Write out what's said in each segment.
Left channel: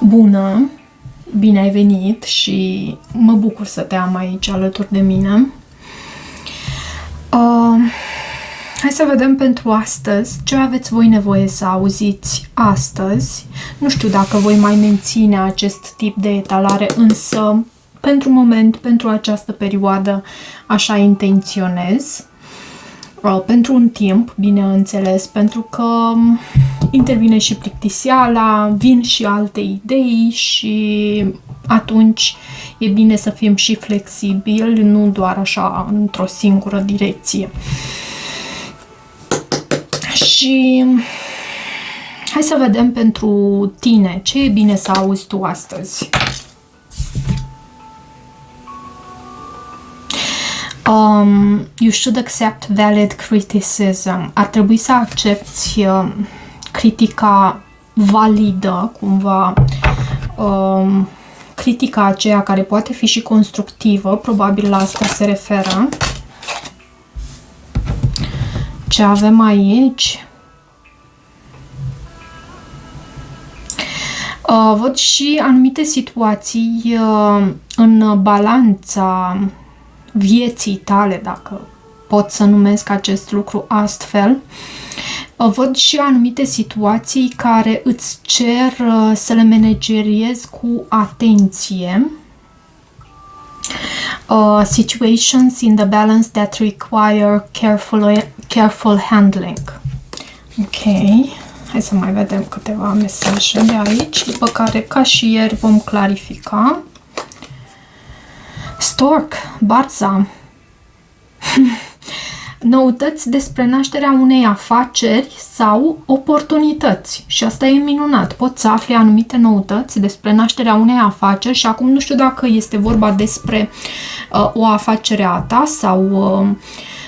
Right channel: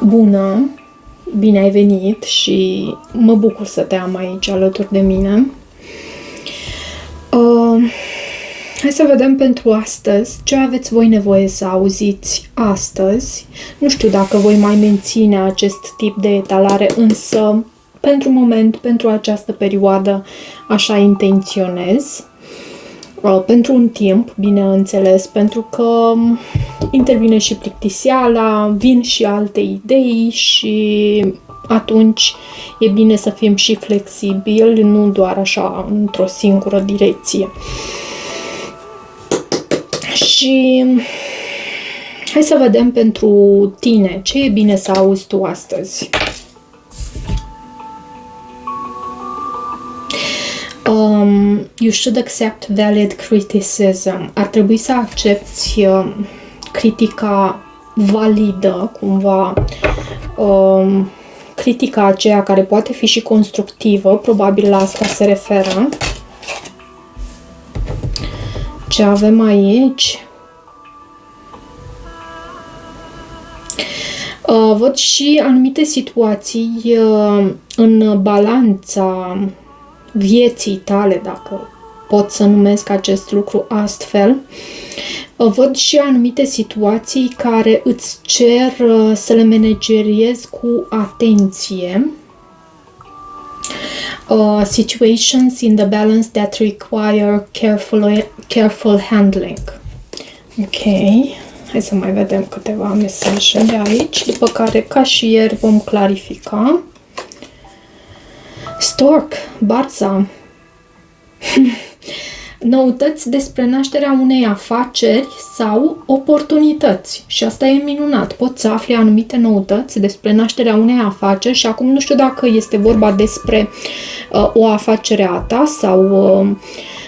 Bună! Bine ai venit și mă bucur să te am aici alături de mine. Hai să vedem pentru astăzi ce aveți voi nevoie să auziți astăzi. Nu știu dacă voi mai menține acest tip de etalare, însă pentru moment, pentru această perioadă, așa intenționez. Pentru un timp, bineînțeles, pentru că intervine și plictiseala, vin și alte idei și atunci e bine să fim și flexibili, nu doar așa într-o singură direcție. Și hai să vedem pentru tine ce e bine să auzi tu astăzi. You should accept valid criticism. Ar trebui să accepti critica validă, cumva, critica aceea care poate fi și constructivă, probabil la asta se referă. Ce avem aici? Văd și anumite situații în balanța vieții tale, dacă pot să numesc acest lucru astfel. Văd și anumite situații care îți cer să le manageriezi cu atenție. Situations in the balance that require careful handling. Ok, hai să mai vedem câteva mesaje de aici, după care, ca și ieri, vom clarifica. Stork, Barza. Noutăți despre nașterea unei afaceri sau oportunități. Și asta e minunat. Poți să afli anumite noutăți despre nașterea unei afaceri și acum nu știu dacă este vorba despre o afacere a ta sau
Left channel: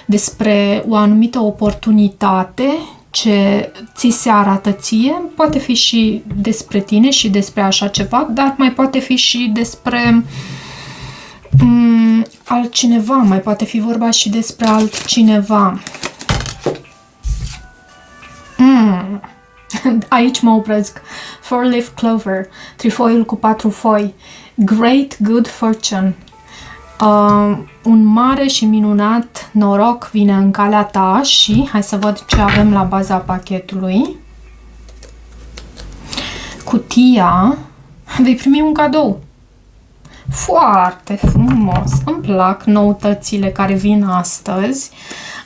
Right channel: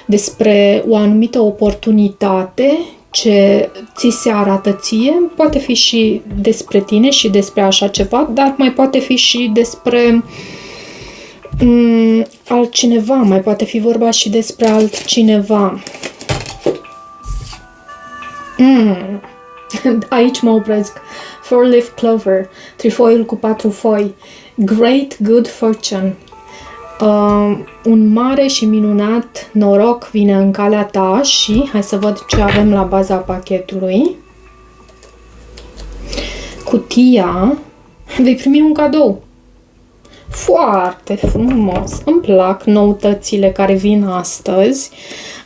despre o anumită oportunitate ce ți se arată ție. Poate fi și despre tine și despre așa ceva, dar mai poate fi și despre altcineva, mai poate fi vorba și despre altcineva. Aici mă opresc. Four-leaf clover, trifoiul cu 4 foi. Great good fortune. Un mare și minunat noroc vine în calea ta și hai să văd ce avem la baza pachetului. Cutia. Vei primi un cadou. Foarte frumos! Îmi plac noutățile care vin astăzi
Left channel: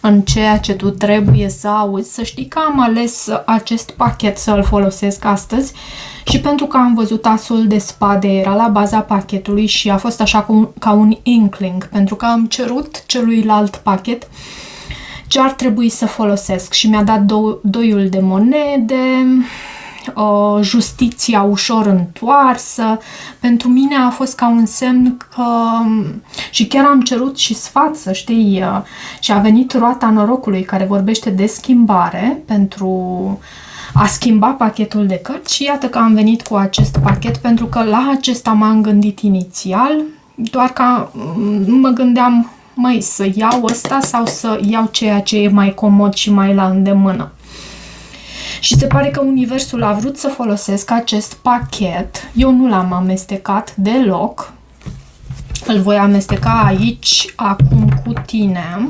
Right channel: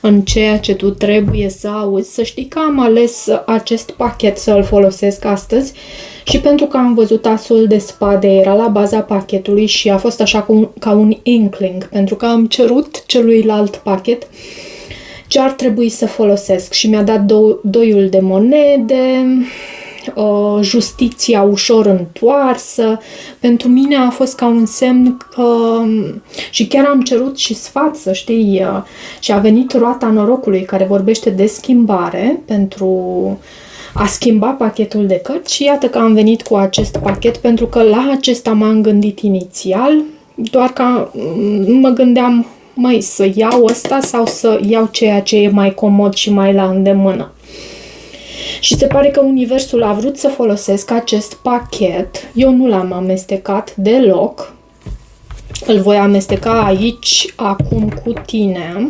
în ceea ce tu trebuie să auzi. Să știi că am ales acest pachet să-l folosesc astăzi și pentru că am văzut asul de spade, era la baza pachetului și a fost așa ca un inkling, pentru că am cerut celuilalt pachet ce ar trebui să folosesc și mi-a dat doiul de monede, justiția ușor întoarsă. Pentru mine a fost ca un semn că... Și chiar am cerut și sfat, să știi, și a venit roata norocului care vorbește de schimbare pentru a schimba pachetul de cărți și iată că am venit cu acest pachet pentru că la acesta m-am gândit inițial, doar că mă gândeam, măi, să iau ăsta sau să iau ceea ce e mai comod și mai la îndemână. Și se pare că universul a vrut să folosesc acest pachet. Eu nu l-am amestecat deloc. Îl voi amesteca aici, acum, cu tine.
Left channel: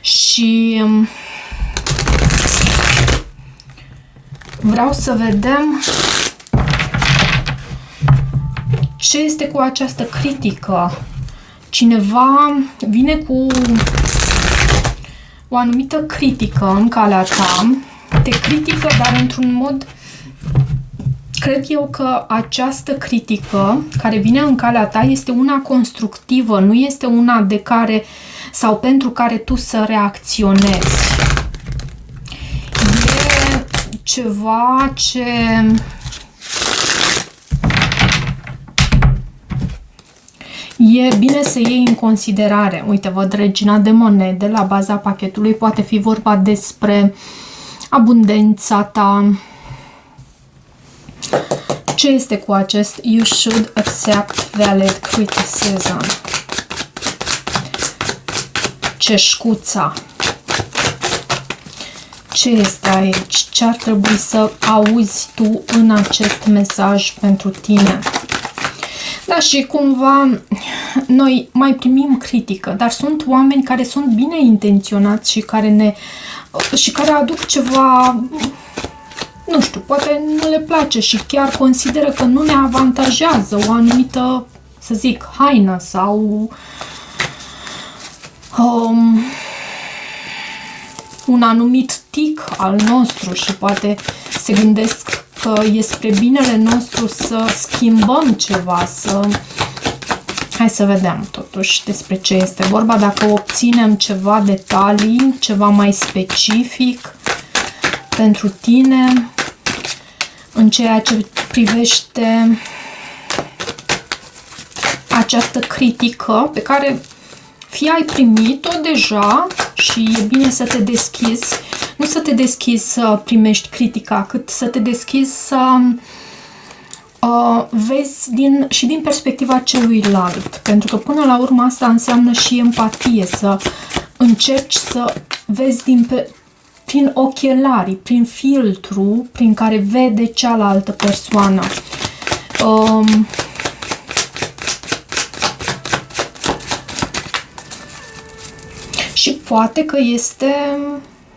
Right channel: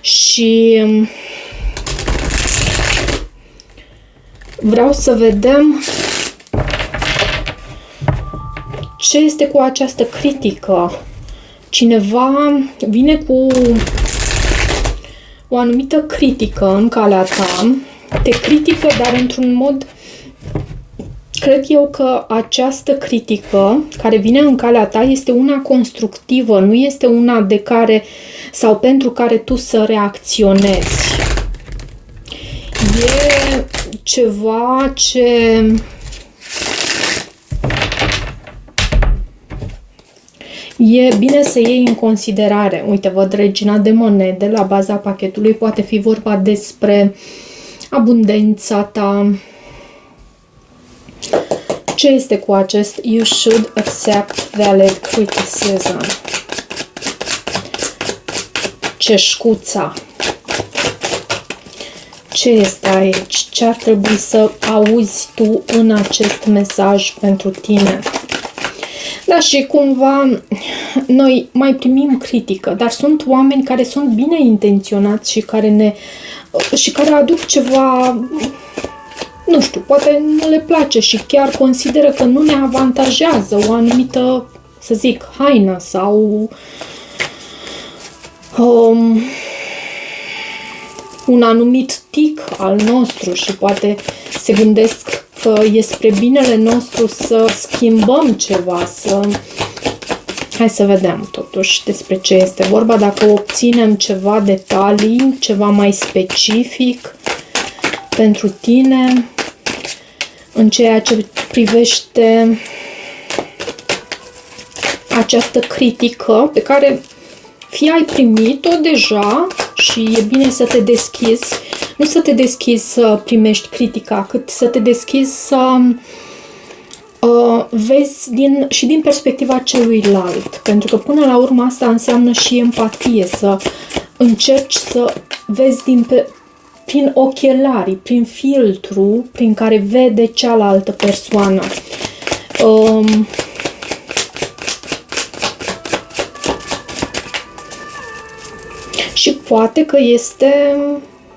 Și vreau să vedem ce este cu această critică. Cineva vine cu o anumită critică în calea ta. Te critică, dar într-un mod, cred eu că această critică care vine în calea ta este una constructivă, nu este una de care sau pentru care tu să reacționezi. E ceva ce e bine să iei în considerare. Uite, văd regina de monede la baza pachetului, poate fi vorba despre abundența ta. Ce este cu acest You should accept valid criticism? Ceșcuța. Ce este aici? Ce ar trebui să auzi tu în acest mesaj pentru tine? Da, și cumva noi mai primim critică, dar sunt oameni care sunt bine intenționați și care aduc ceva, nu știu, poate nu le place și chiar consideră că nu ne avantajează o anumită, să zic, haină sau un anumit tic al nostru și poate se gândesc că e spre binele nostru să schimbăm ceva, Hai să vedem totuși despre ce este vorba, dacă obținem ceva detalii, ceva mai specific pentru tine în ceea ce privește această critică pe care fie ai primit-o deja și e bine să te deschizi, nu să te deschizi să primești critica, cât să te deschizi să vezi și din perspectiva celuilalt. Pentru că până la urmă asta înseamnă și empatie, să încerci să vezi prin ochelarii, prin filtru prin care vede cealaltă persoană. Și poate că este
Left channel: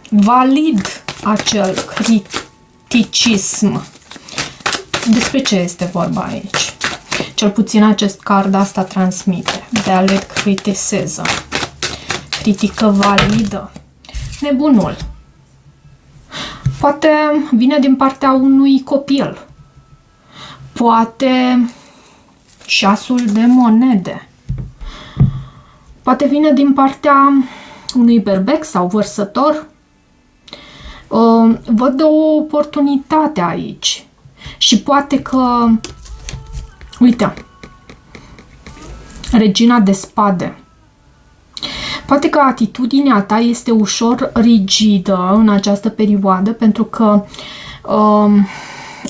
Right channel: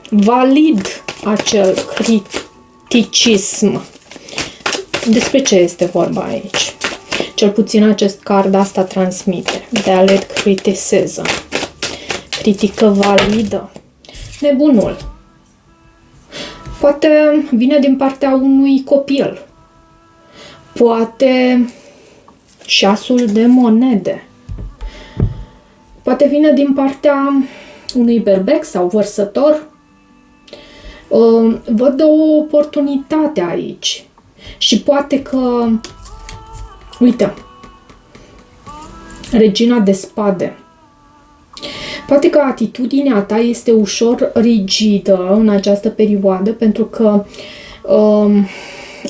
valid acel criticism. Despre ce este vorba aici? Cel puțin acest card asta transmite. Valid criticism. Critică validă. Nebunul. Poate vine din partea unui copil. Poate șasul de monede. Poate vine din partea unui berbec sau vărsător. Văd o oportunitate aici. Și poate că, uite, regina de spade. Poate că atitudinea ta este ușor rigidă în această perioadă, pentru că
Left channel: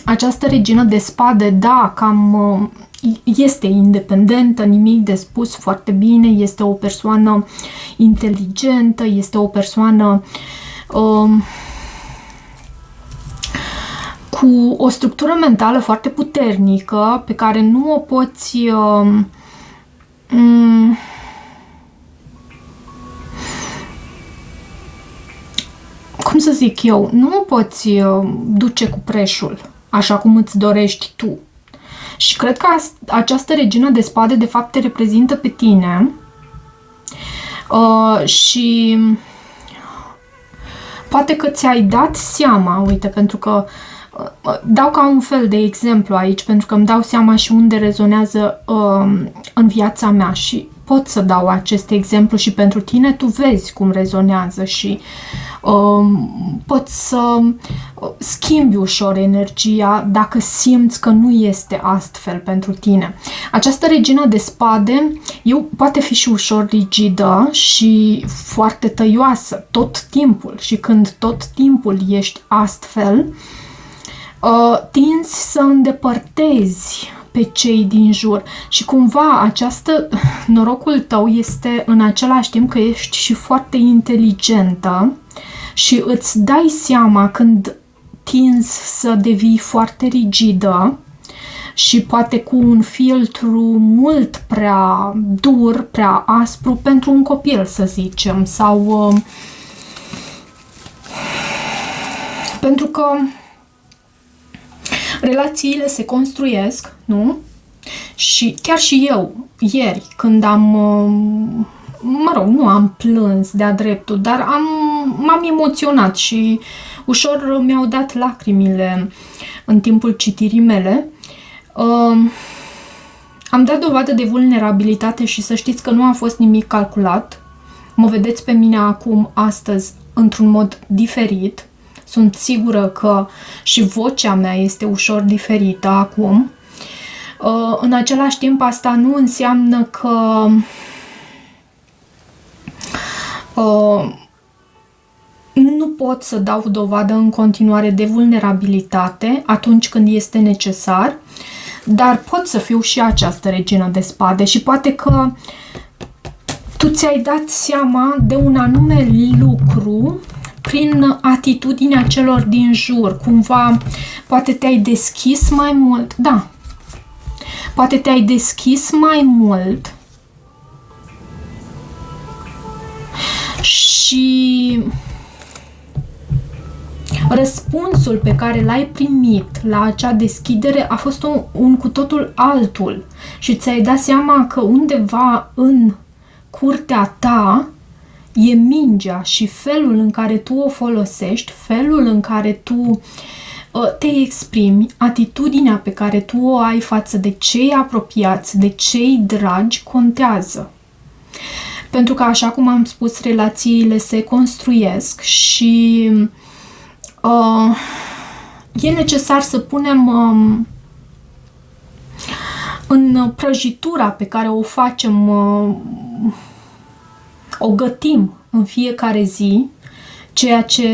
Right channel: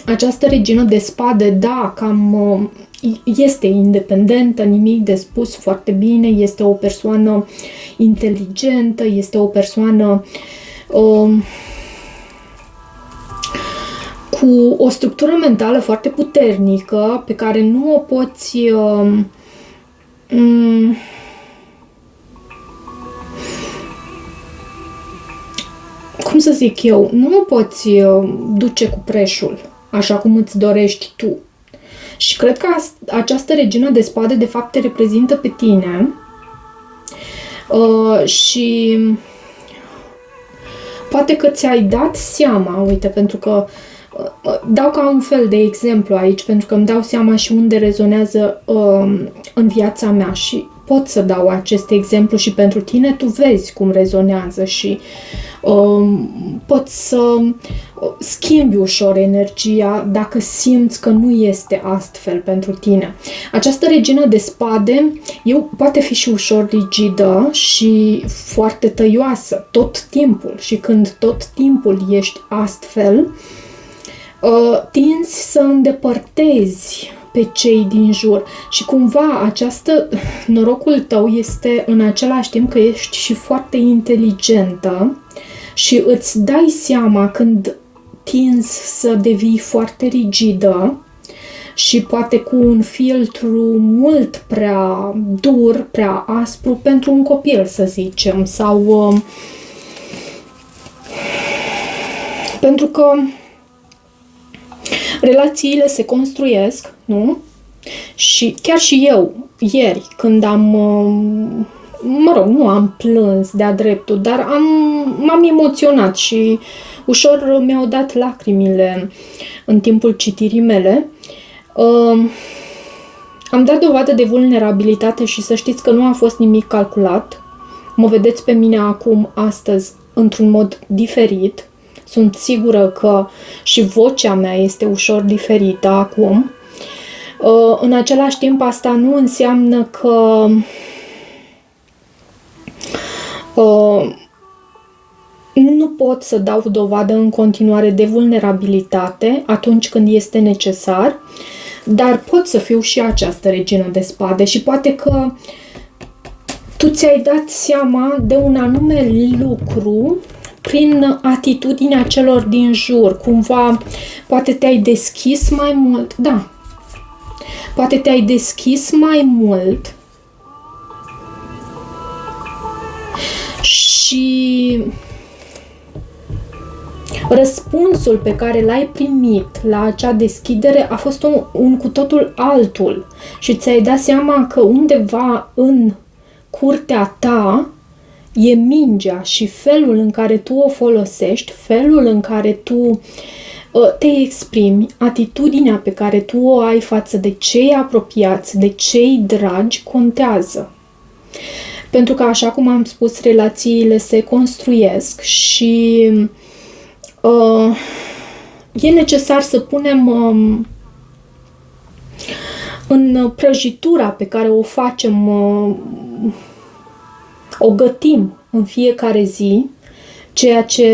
această regină de spade, da, cam este independentă, nimic de spus, foarte bine, este o persoană inteligentă, este o persoană cu o structură mentală foarte puternică, pe care nu o poți cum să zic eu, nu o poți duce cu preșul, așa cum îți dorești tu. Și cred că această regină de spade, de fapt, te reprezintă pe tine și poate că ți-ai dat seama, uite, pentru că dau ca un fel de exemplu aici, pentru că îmi dau seama și unde rezonează în viața mea și pot să dau acest exemplu și pentru tine, tu vezi cum rezonează și poți să schimbi ușor energia dacă simți că nu este astfel pentru tine. Această regină de spade poate fi și ușor rigidă și foarte tăioasă tot timpul și când tot timpul ești astfel, tinzi să îndepărtezi pe cei din jur și cumva norocul tău este în același timp că ești și foarte inteligentă și îți dai seama când tinzi să devii foarte rigidă și poate cu un filtru mult prea dur, prea aspru pentru un copil, să zicem, sau pentru că relațiile se construiesc, nu? Și chiar și eu, ieri, când nu am plâns de-a dreptul, dar m-am emoționat și ușor mi-au dat lacrimile în timpul citirii mele. Am dat dovadă de vulnerabilitate și să știți că nu a fost nimic calculat. Mă vedeți pe mine acum, astăzi, într-un mod diferit. Sunt sigură că și vocea mea este ușor diferită acum. În același timp, asta nu înseamnă că nu pot să dau dovadă în continuare de vulnerabilitate atunci când este necesar, dar pot să fiu și această regină de spade și poate că tu ți-ai dat seama de un anume lucru prin atitudinea celor din jur. Cumva, poate te-ai deschis mai mult. Da. Poate te-ai deschis mai mult și răspunsul pe care l-ai primit la acea deschidere a fost un cu totul altul și ți-ai dat seama că undeva în curtea ta e mingea și felul în care tu o folosești, felul în care tu te exprimi, atitudinea pe care tu o ai față de cei apropiați, de cei dragi, contează. Pentru că, așa cum am spus, relațiile se construiesc și e necesar să punem în prăjitura pe care o facem, o gătim în fiecare zi, ceea ce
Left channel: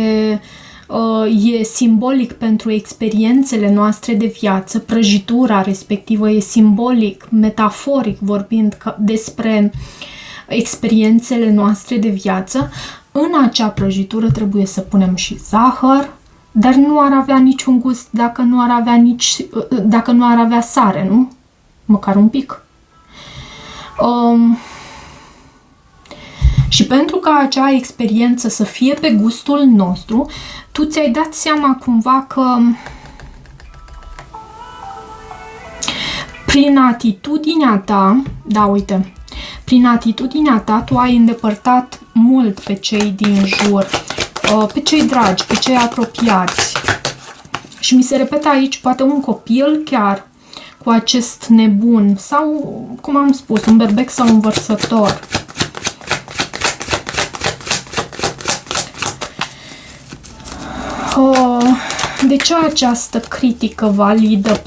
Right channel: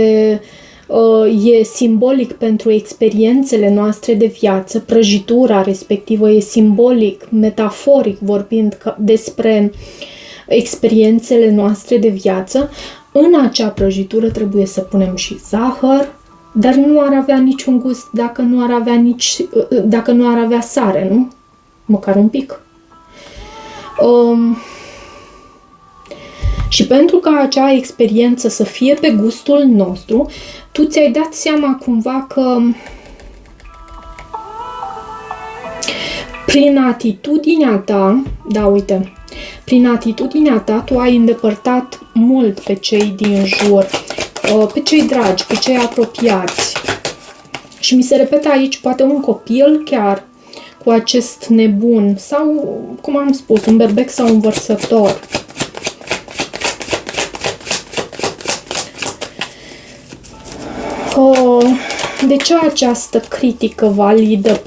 e simbolic pentru experiențele noastre de viață. Prăjitura respectivă e simbolic, metaforic vorbind despre experiențele noastre de viață. În acea prăjitură trebuie să punem și zahăr, dar nu ar avea niciun gust dacă nu ar avea sare, nu? Măcar un pic. Și pentru ca acea experiență să fie pe gustul nostru, tu ți-ai dat seama cumva că prin atitudinea ta, da, uite, prin atitudinea ta tu ai îndepărtat mult pe cei din jur, pe cei dragi, pe cei apropiați. Și mi se repetă aici poate un copil chiar cu acest nebun sau, cum am spus, un berbec sau un vărsător. De ce această critică validă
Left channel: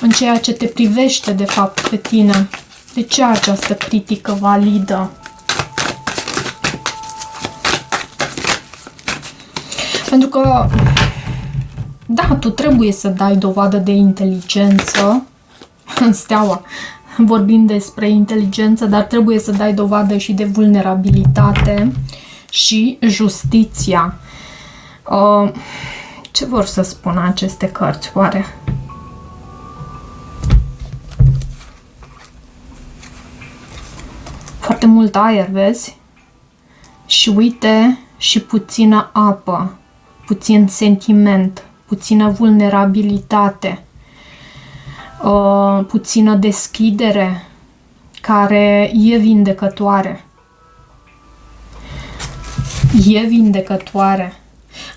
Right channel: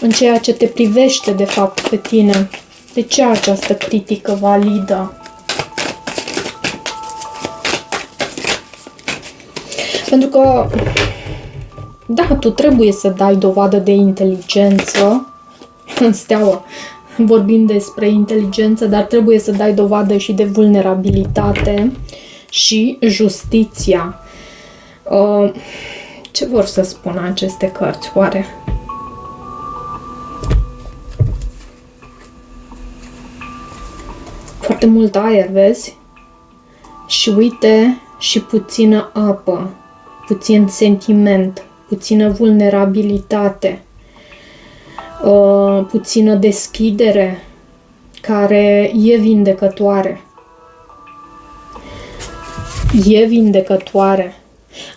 în ceea ce te privește de fapt pe tine? De ce această critică validă? Pentru că, da, tu trebuie să dai dovadă de inteligență în steaua, vorbind despre inteligență, dar trebuie să dai dovadă și de vulnerabilitate și justiția. Ce vor să spună aceste cărți, oare? Foarte mult aer, vezi? Și uite, și puțină apă, puțin sentiment, puțină vulnerabilitate, puțină deschidere, care e vindecătoare. E vindecătoare.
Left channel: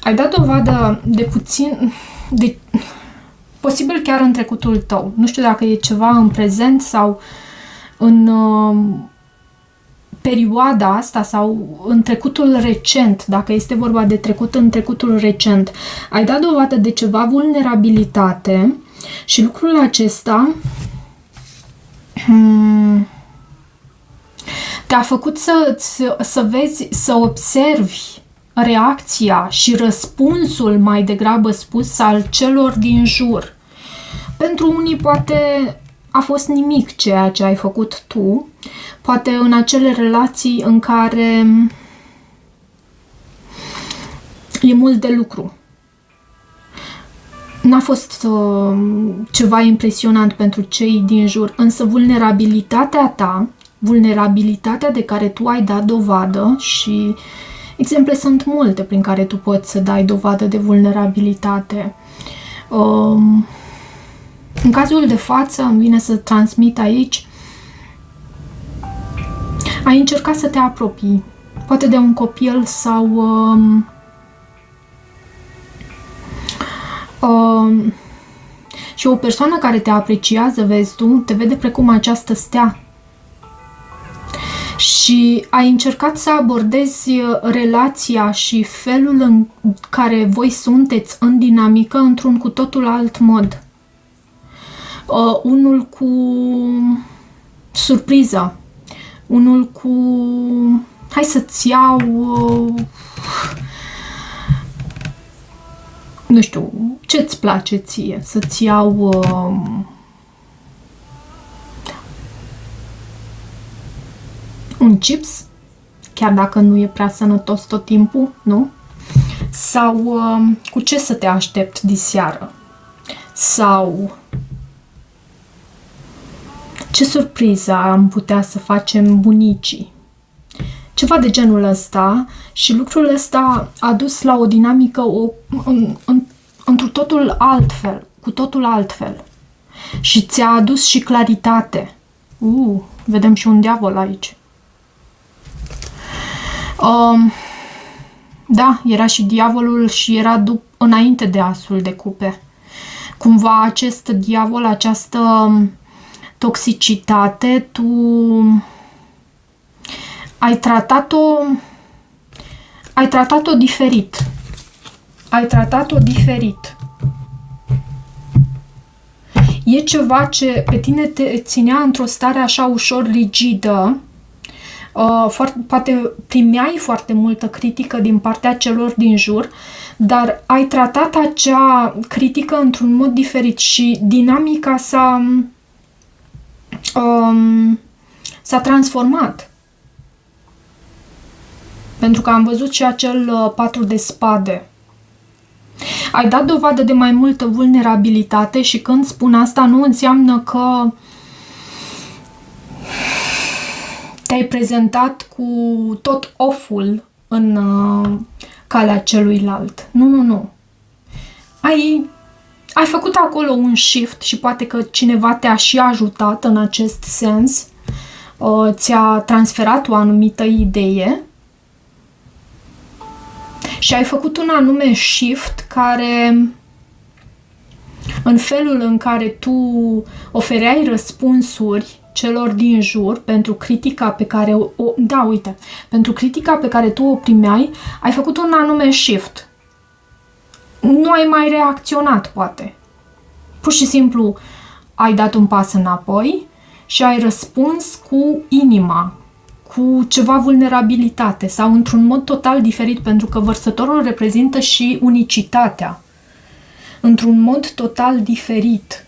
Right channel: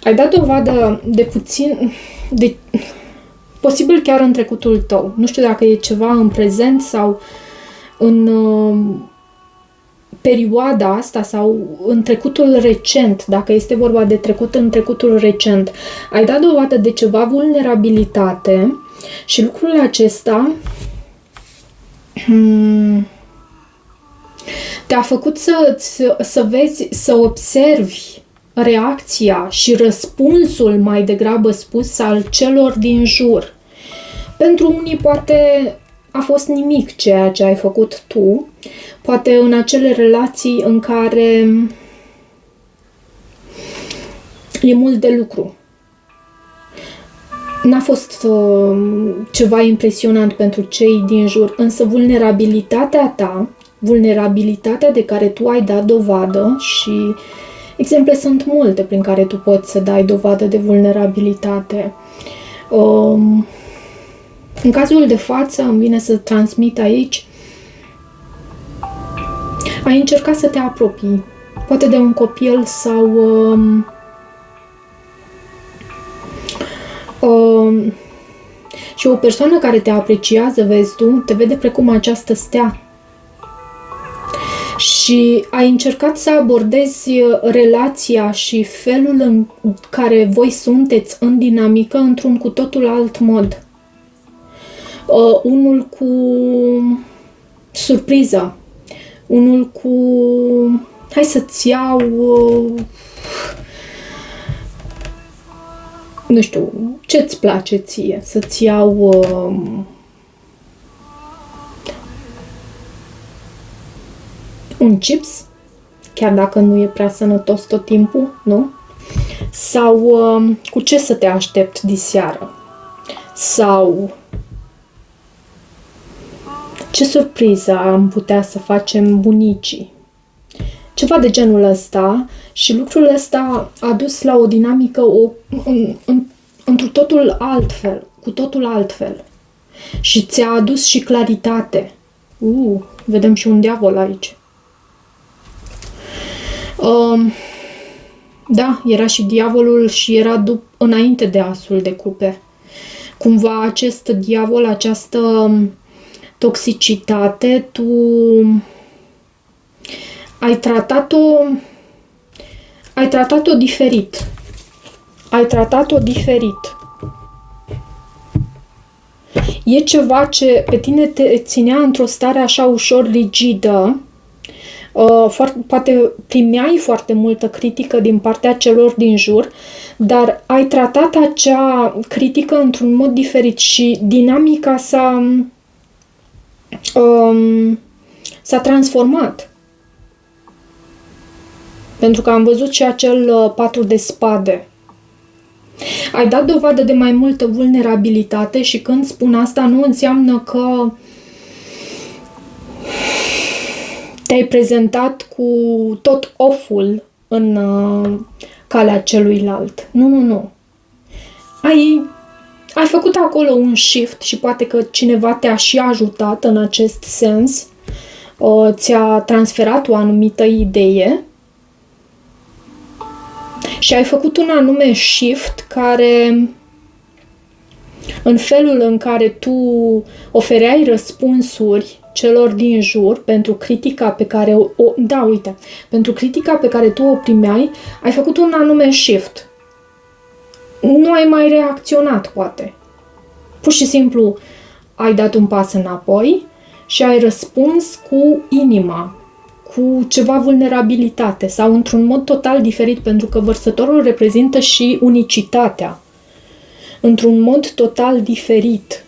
Ai dat dovadă de puțin, posibil chiar în trecutul tău. Nu știu dacă e ceva în prezent sau în perioada asta sau în trecutul recent, dacă este vorba de trecut în trecutul recent. Ai dat dovadă de ceva vulnerabilitate și lucrul acesta te-a făcut să vezi, să observi reacția și răspunsul, mai degrabă spus, al celor din jur. Pentru unii poate a fost nimic ceea ce ai făcut tu, poate în acele relații în care e mult de lucru. N-a fost ceva impresionant pentru cei din jur, însă vulnerabilitatea ta, vulnerabilitatea de care tu ai dat dovadă și exemple sunt multe prin care tu poți să dai dovadă de vulnerabilitate. În cazul de față, îmi vine să transmit aici, ai încercat să te apropii, poate de un copil sau și o persoană care te apreciază, vezi tu, te vede precum această stea. Și ai încercat să abordezi relația și felul în care voi sunteți în dinamică într-un cu totul alt mod. Unul cu surpriză, unul cu hai să-ți iau nu știu, ce-ți place ție, să-ți iau un chips, chiar dacă nu e prea sănătos tot timpul, nu? Sau cu ce să te aștepți diseară? Sau ce surpriză am putea să facem bunicii? Ceva de genul ăsta, și lucrul ăsta a dus la o dinamică într totul altfel, cu totul altfel. Și ți-a adus și claritate. Vedem și un diavol aici. Da, era și diavolul și era înainte de asul de cupe. Cumva acest diavol, această toxicitate, tu ai tratat-o diferit. Ai tratat-o diferit. E ceva ce pe tine te ținea într-o stare așa ușor rigidă. Poate primeai foarte multă critică din partea celor din jur, dar ai tratat acea critică într-un mod diferit și dinamica s-a transformat. Pentru că am văzut și acel 4 de spade. Ai dat dovadă de mai multă vulnerabilitate și când spun asta nu înseamnă că te-ai prezentat cu tot off-ul în calea celuilalt. Nu. Ai făcut acolo un shift și poate că cineva te-a și ajutat în acest sens. Ți-a transferat o anumită idee și ai făcut un anume shift care, în felul în care tu ofereai răspunsuri celor din jur pentru critica pe care pentru critica pe care tu o primeai, ai făcut un anume shift. Nu ai mai reacționat, poate. Pur și simplu ai dat un pas înapoi și ai răspuns cu inima, cu ceva vulnerabilitate sau într-un mod total diferit, pentru că vărsătorul reprezintă și unicitatea. Într-un mod total diferit.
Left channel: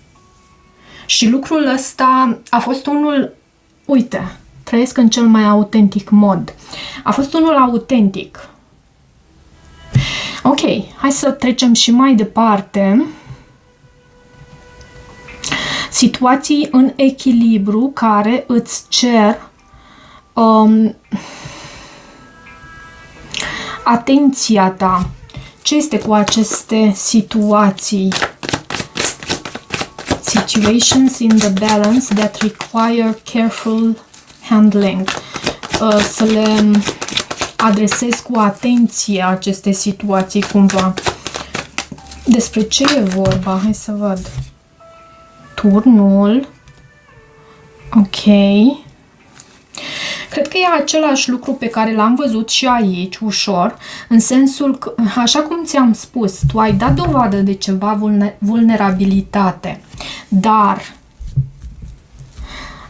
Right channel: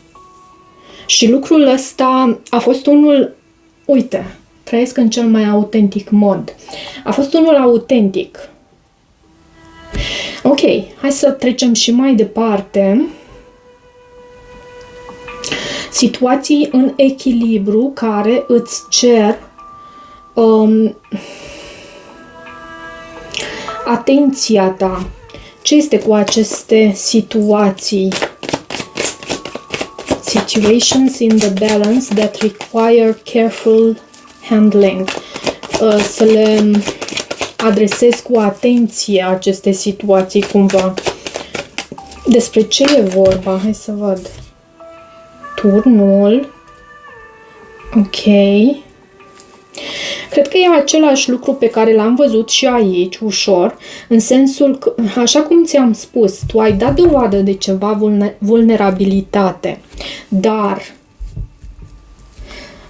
Și lucrul ăsta a fost unul, uite, trăiesc în cel mai autentic mod. A fost unul autentic. Ok, hai să trecem și mai departe. Situații în echilibru care îți cer atenția ta. Ce este cu aceste situații? Situations in the balance that require careful handling. Să le adresez cu atenție aceste situații cumva. Despre ce e vorba? Hai să văd. Turnul. Ok. Cred că e același lucru pe care l-am văzut și aici, ușor, în sensul că, așa cum ți-am spus, tu ai dat dovadă de ceva vulnerabilitate, dar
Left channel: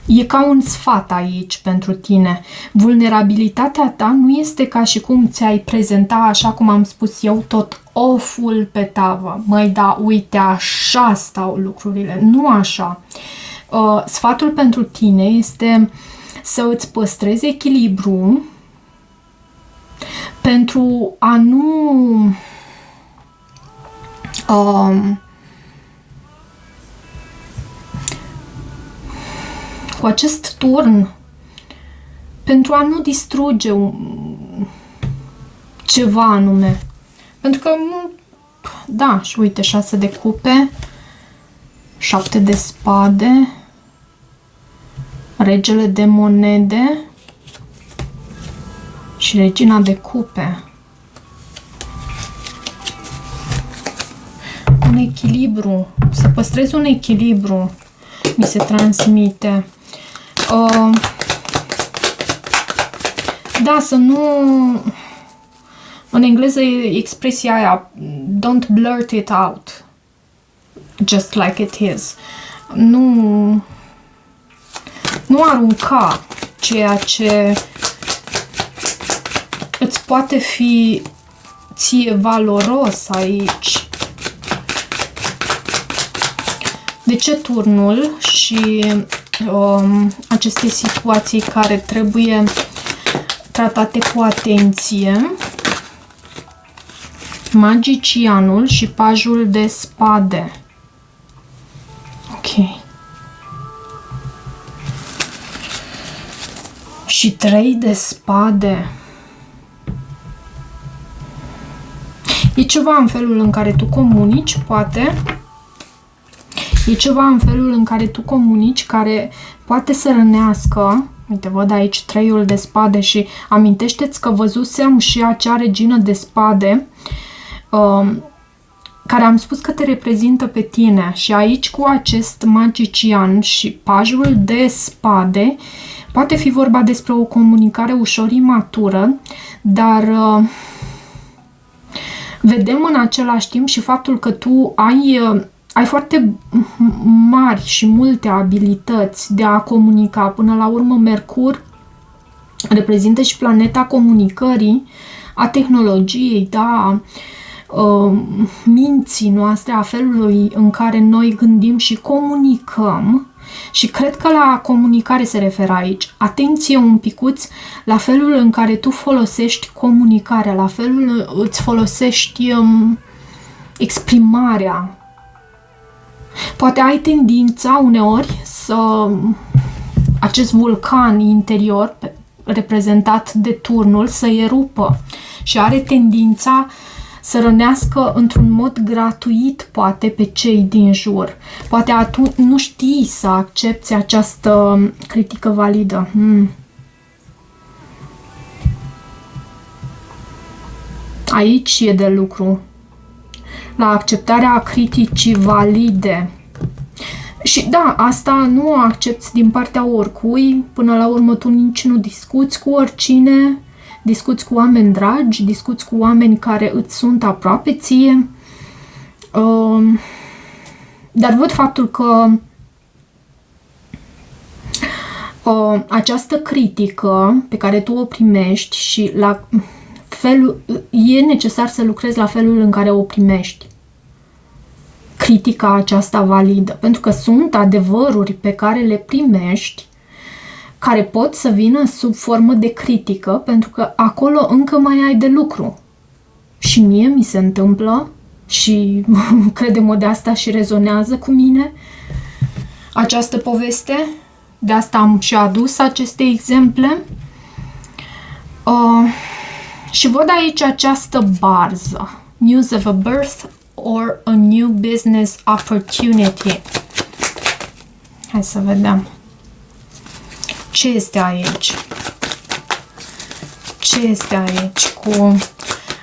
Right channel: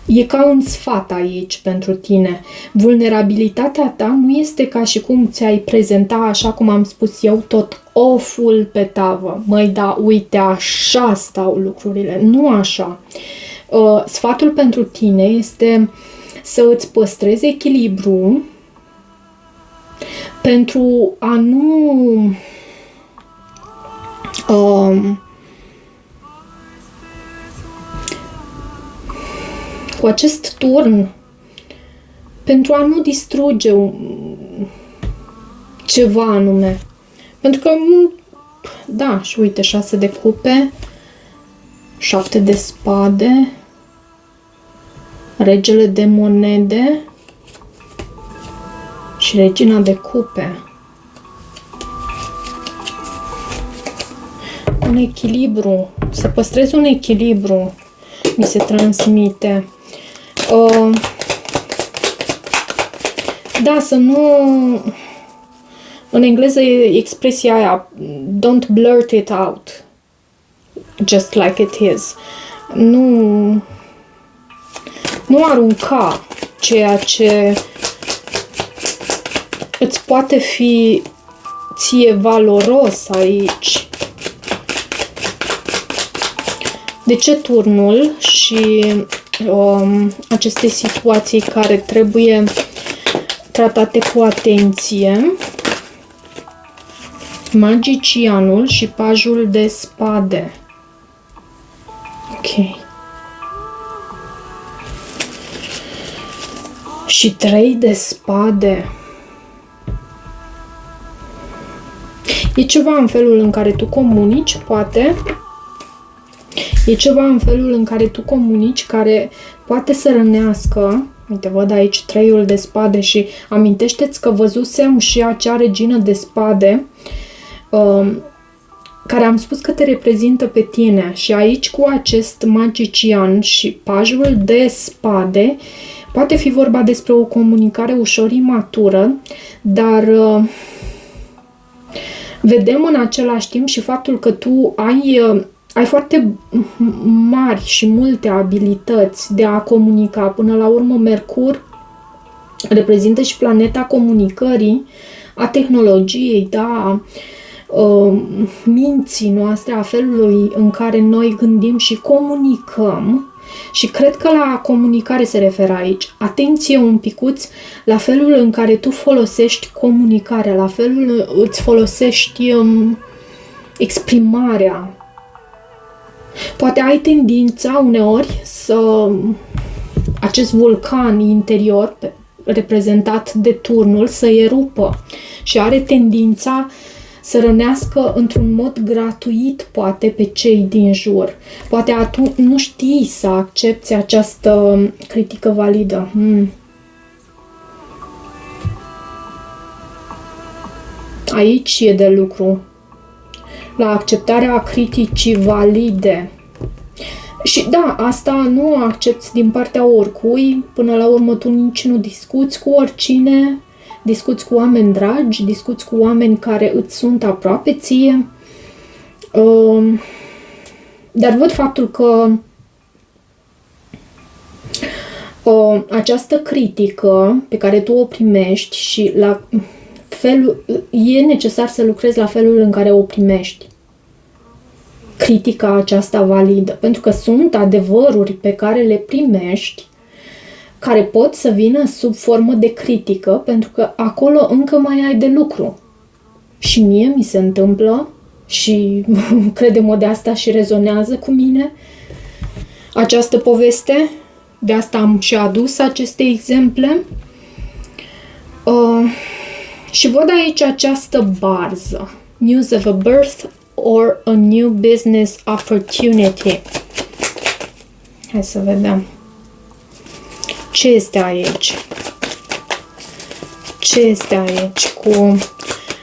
e ca un sfat aici pentru tine. Vulnerabilitatea ta nu este ca și cum ți-ai prezenta, așa cum am spus eu, tot off-ul pe tavă. Măi, da, uite, așa stau lucrurile, nu așa. Sfatul pentru tine este să îți păstrezi echilibru pentru a nu cu acest turn, pentru a nu distruge ceva anume. Pentru că, da, și uite, 6 de cupe, 7 de spade, regele de monede și regina de cupe. Un echilibru, să păstrezi un echilibru, mi se transmite. Da, să nu... În engleză e expresia aia, don't blurt it out, just like it is. Nu arunca ceea ce îți poate fi ție valoros aici. De ce turnul și aceste situații care trebuie tratate cu atenție. Magicianul și pajul de spade. Ok. Și 3 de spade. E ceva în felul în care tu comunici, poate. E ceva în felul în care tu comunici, care poate să rănească. Uite, văd aici 3-ul de spade și amintește-ți că văzusem și acea regină de spade care am spus că te reprezintă pe tine. Și aici cu acest magician și pajul de spade poate fi vorba despre o comunicare ușor imatură, dar vedem în același timp și faptul că tu ai foarte mari și multe abilități de a comunica. Până la urmă, Mercur reprezintă și planeta comunicării, a tehnologiei, da, minții noastre, a felului în care noi gândim și comunicăm. Și cred că la comunicare se referă aici. Atenție un picuț la felul în care tu folosești comunicarea, la felul îți folosești exprimarea. Poate ai tendința uneori să acest vulcan interior reprezentat de turnul să erupă și are tendința să rănească într-un mod gratuit, poate, pe cei din jur. Poate atunci nu știi să accepți această critică validă. Aici e de lucru. La acceptarea criticii valide. Și da, asta nu o accepți din partea oricui. Până la urmă tu nici nu discuți cu oricine. Discuți cu oameni dragi, discuți cu oameni care îți sunt aproape ție. Dar văd faptul că această critică pe care tu o primești și la felul, e necesar să lucrezi la felul în care o primești. Critica aceasta validă. Pentru că sunt adevăruri pe care le primești care pot să vină sub formă de critică, pentru că acolo încă mai ai de lucru. Și mie mi se întâmplă și crede-mă de asta și rezonează cu mine această poveste. De asta am și adus aceste exemple. Și văd aici această barză. News of a birth or a new business opportunity. Hai să vedem. Ce este aici? Ce este aici cu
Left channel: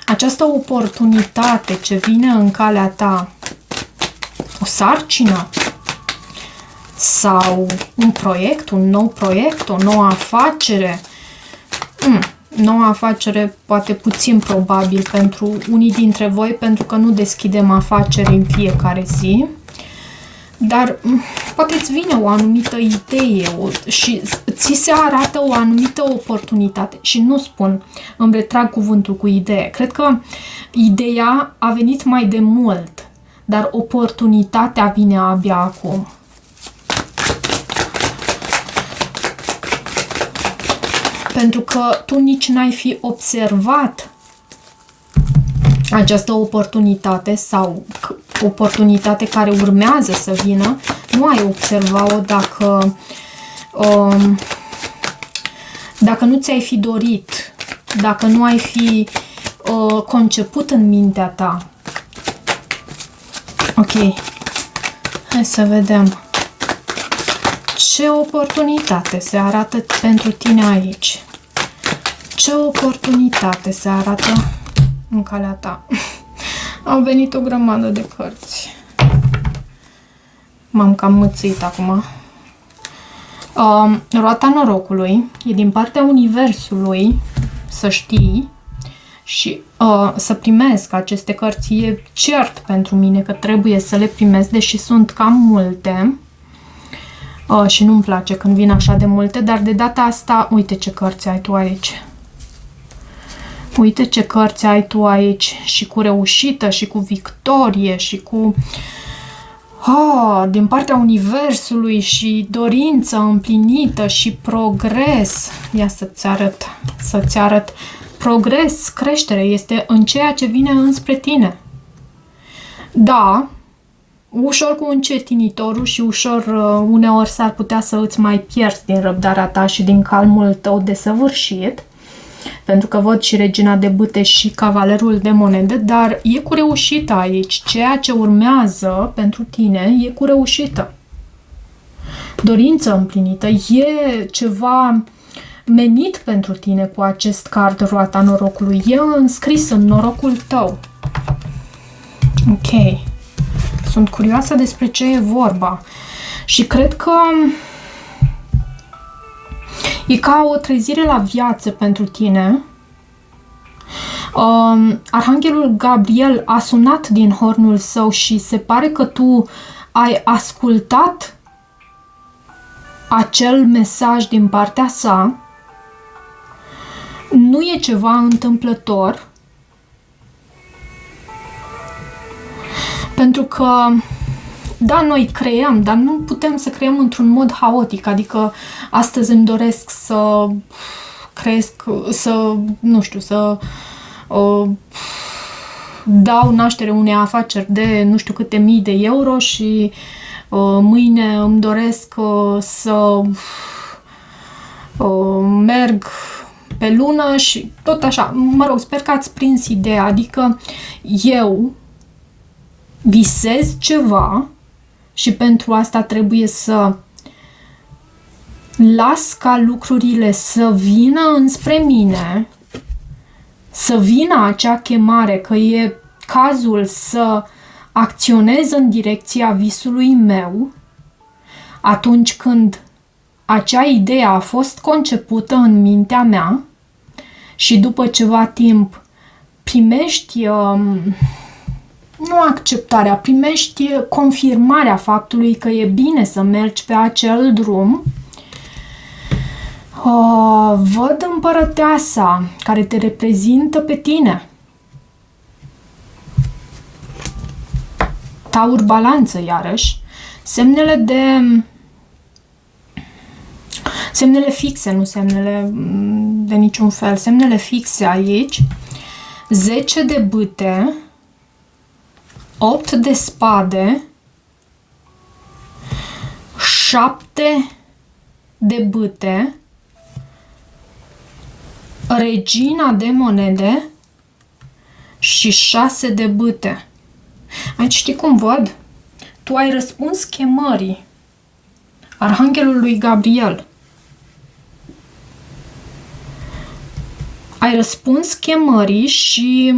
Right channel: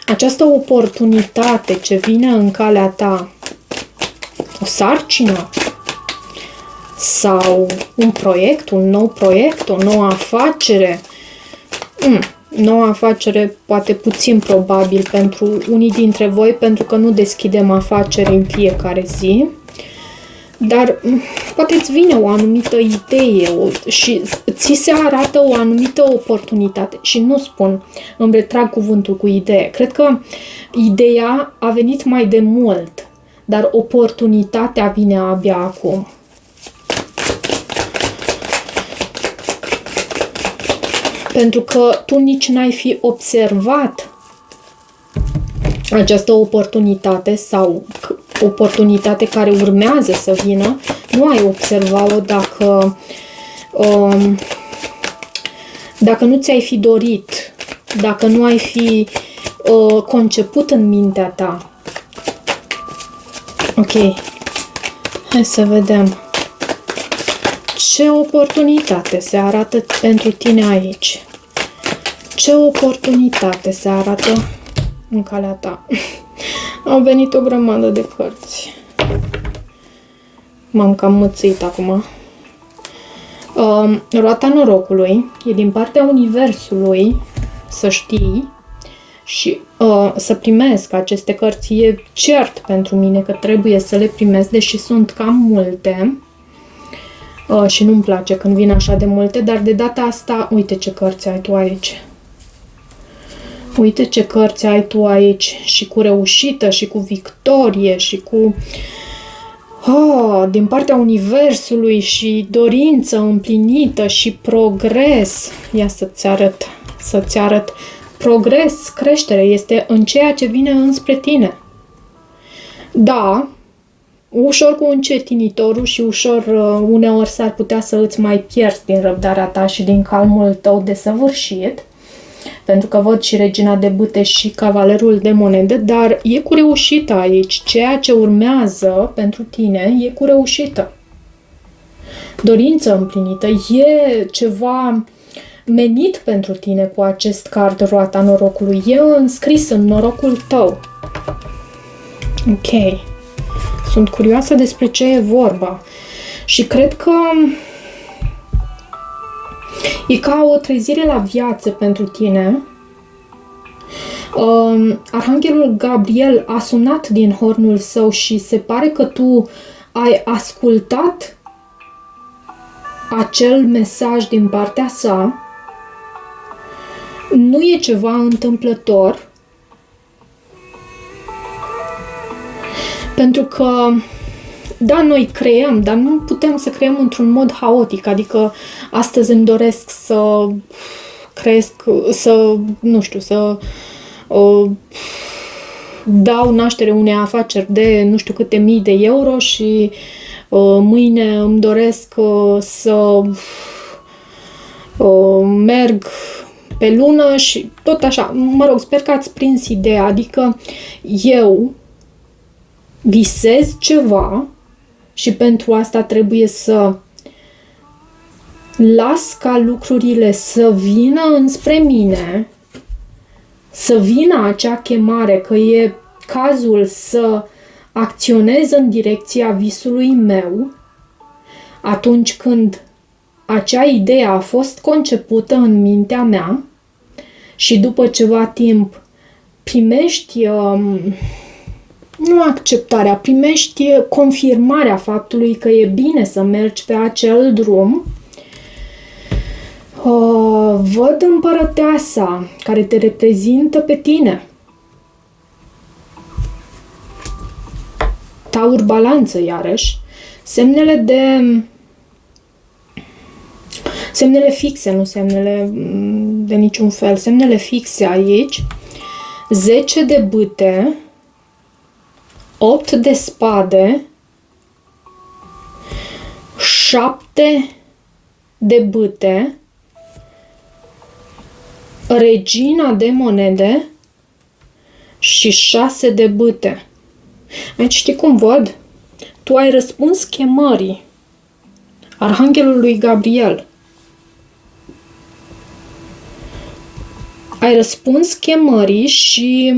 această oportunitate ce vine în calea ta? O sarcină? Sau un proiect, un nou proiect, o nouă afacere? Noua afacere poate puțin probabil pentru unii dintre voi, pentru că nu deschidem afaceri în fiecare zi. Dar poate îți vine o anumită idee și ți se arată o anumită oportunitate. Și nu spun, îmi retrag cuvântul cu idee. Cred că ideea a venit mai de mult, dar oportunitatea vine abia acum. Pentru că tu nici n-ai fi observat această oportunitate sau oportunitate care urmează să vină, nu ai observat-o dacă nu ți-ai fi dorit, dacă nu ai fi conceput în mintea ta. Ok, hai să vedem ce oportunitate se arată pentru tine aici. Ce oportunitate se arată în calea ta. Au venit o grămadă de cărți. M-am cam mățit acum. Roata norocului e din partea universului, să știi, și să primesc aceste cărți. E cert pentru mine că trebuie să le primesc, deși sunt cam multe. Și nu-mi place când vin așa de multe, dar de data asta, uite ce cărți ai tu aici. Uite ce cărți ai tu aici și cu reușită și cu victorie și cu din partea universului și dorință împlinită și progres. Ia să-ți arăt. Progres, creștere, este în ceea ce vine înspre tine. Da, ușor cu încetinitorul și ușor uneori s-ar putea să îți mai pierzi din răbdarea ta și din calmul tău desăvârșit, pentru că văd și regina de bâte și cavalerul de monede, dar e cu reușită aici. Ceea ce urmează pentru tine e cu reușită. Dorință împlinită, e ceva menit pentru tine cu acest card, roata norocului. E înscris în norocul tău. Ok. Sunt curioasă despre ce e vorba. Și cred că e ca o trezire la viață pentru tine. Arhanghelul Gabriel a sunat din hornul său și se pare că tu ai ascultat acel mesaj din partea sa. Nu e ceva întâmplător. Pentru că, da, noi creăm, dar nu putem să creăm într-un mod haotic. Adică astăzi îmi doresc să cresc, să dau naștere unei afaceri de nu știu câte mii de euro și mâine îmi doresc să merg pe lună și tot așa. Mă rog, sper că ați prins ideea. Adică eu visez ceva și pentru asta trebuie să las ca lucrurile să vină înspre mine, să vină acea chemare, că e cazul să acționez în direcția visului meu atunci când acea idee a fost concepută în mintea mea și după ceva timp primești nu acceptarea, primești confirmarea faptului că e bine să mergi pe acel drum. Văd împărăteasa care te reprezintă pe tine. Taur, balanță, iarăși. Semnele fixe, nu semnele de niciun fel. Semnele fixe aici. 10 de bâte, 8 de spade, 7 de bâte, regina de monede și 6 de bâte. Aici știi cum văd? Tu ai răspuns chemării Arhanghelului Gabriel. Ai răspuns chemării și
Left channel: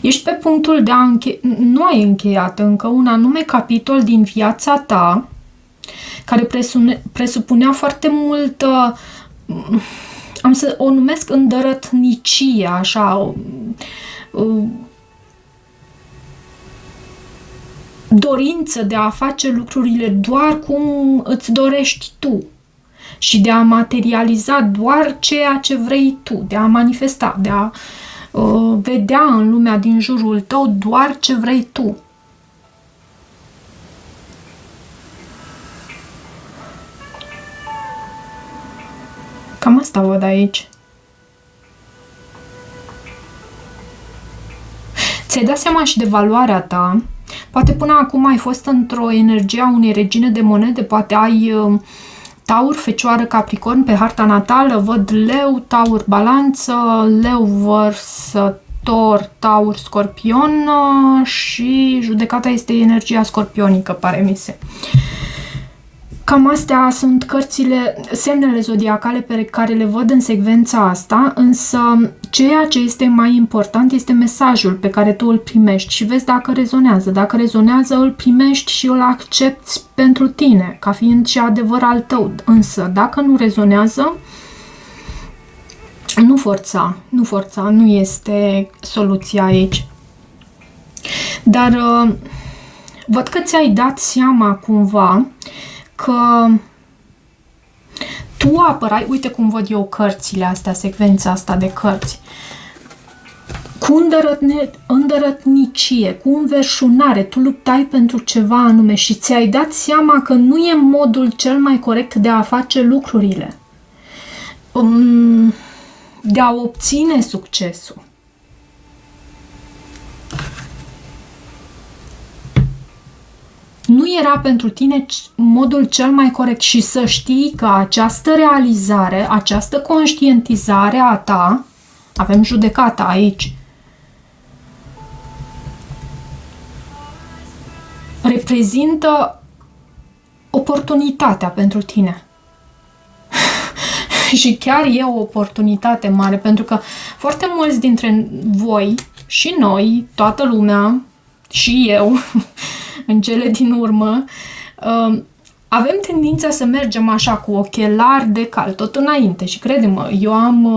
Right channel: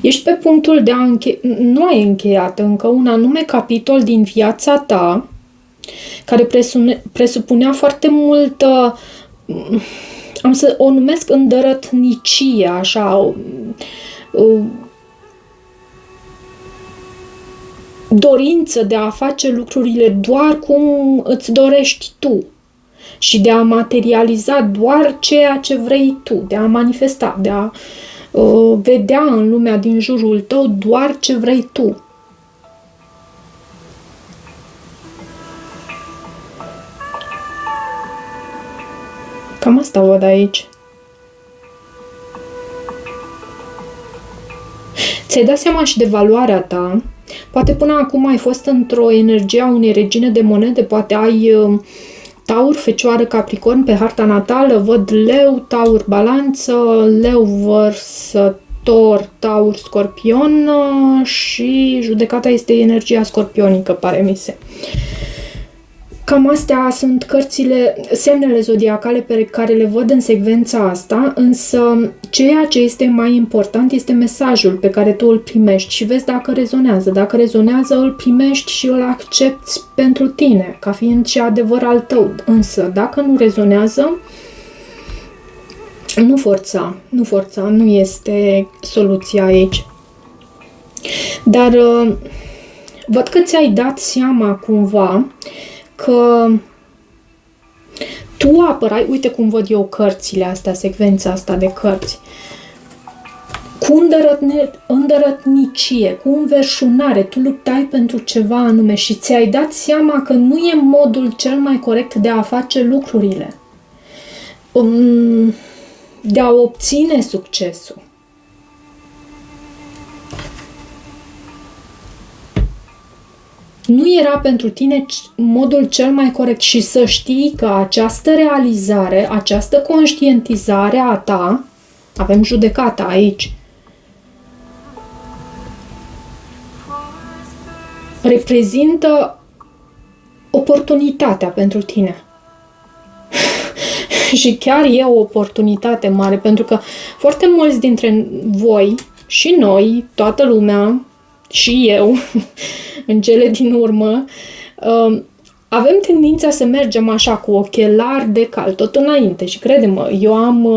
ești pe punctul de a nu ai încheiat încă un anume capitol din viața ta care presupunea foarte multă, am să o numesc îndărătnicie, așa, dorință de a face lucrurile doar cum îți dorești tu și de a materializa doar ceea ce vrei tu, de a manifesta, de a vedea în lumea din jurul tău doar ce vrei tu. Cam asta văd aici. Ți-ai dat seama și de valoarea ta. Poate până acum ai fost într-o energie a unei regine de monede, poate ai Taur, Fecioară, Capricorn pe harta natală, văd Leu, Taur, Balanță, Leu, Vărsător, Taur, Scorpion și judecata este energia scorpionică, pare mi se. Cam astea sunt cărțile, semnele zodiacale pe care le văd în secvența asta, însă ceea ce este mai important este mesajul pe care tu îl primești și vezi dacă rezonează. Dacă rezonează, îl primești și îl accepti pentru tine, ca fiind și adevăr al tău. Însă, dacă nu rezonează, nu forța, nu este soluția aici. Dar văd că ți-ai dat seama cumva că tu apărai, uite cum văd eu cărțile astea, secvența asta de cărți. cu îndărătnicie, cu înverșunare, tu luptai pentru ceva anume și ți-ai dat seama că nu e modul cel mai corect de a face lucrurile, de a obține succesul. Nu era pentru tine modul cel mai corect și să știi că această realizare, această conștientizare a ta, avem judecata aici, reprezintă oportunitatea pentru tine. Și chiar e o oportunitate mare, pentru că foarte mulți dintre voi și noi, toată lumea, și eu, în cele din urmă, avem tendința să mergem așa cu ochelari de cal, tot înainte. Și crede-mă, eu am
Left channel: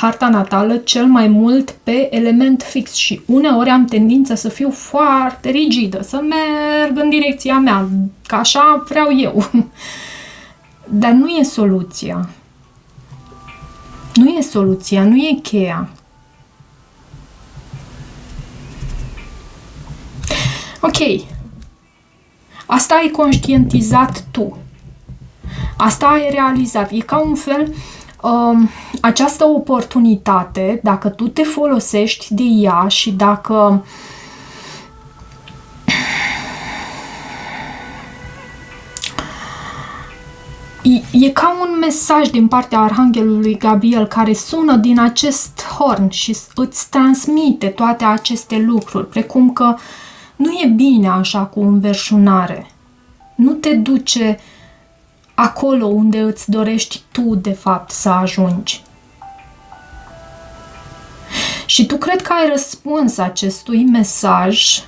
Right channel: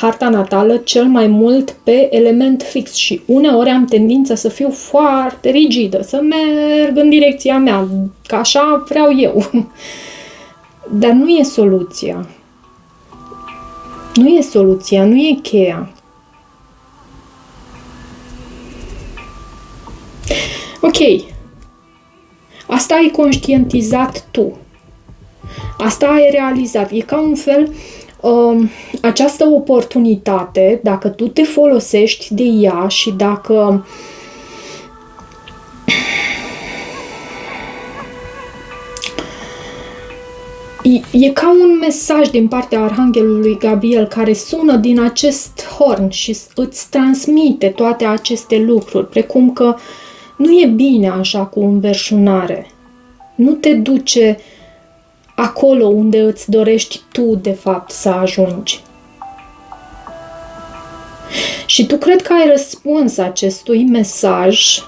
harta natală cel mai mult pe element fix și uneori am tendința să fiu foarte rigidă, să merg în direcția mea, că așa vreau eu. Dar nu e soluția. Nu e soluția, nu e cheia. Ok. Asta ai conștientizat tu. Asta ai realizat. E ca un fel această oportunitate, dacă tu te folosești de ea și dacă e ca un mesaj din partea Arhanghelului Gabriel care sună din acest horn și îți transmite toate aceste lucruri, precum că nu e bine așa cu înverșunare. Nu te duce acolo unde îți dorești tu, de fapt, să ajungi. Și tu cred că ai răspuns acestui mesaj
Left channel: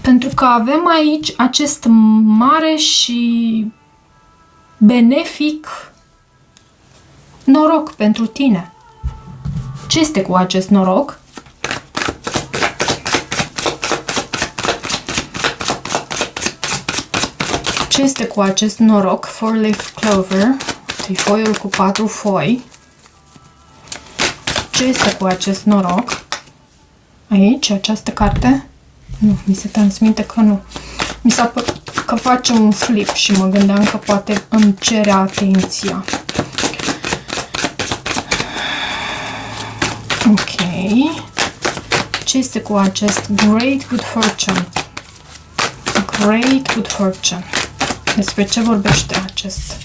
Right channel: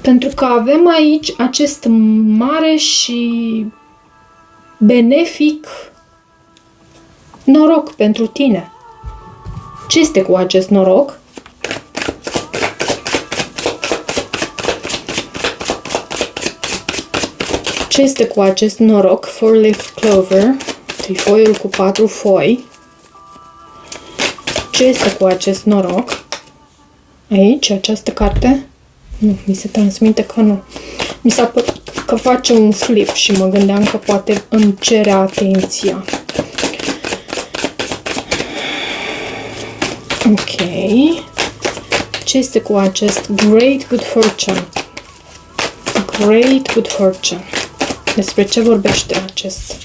pentru că avem aici acest mare și benefic noroc pentru tine. Ce este cu acest noroc? Ce este cu acest noroc? 4-leaf clover, trifoiul cu 4 foi. Ce este cu acest noroc? Aici, această carte? Nu, mi se transmite că nu. Mi s-a părut că face un flip și mă gândeam că poate îmi cere atenția. Ok. Ce este cu acest Great Good Fortune? Great Good Fortune. Despre ce vorbește acest?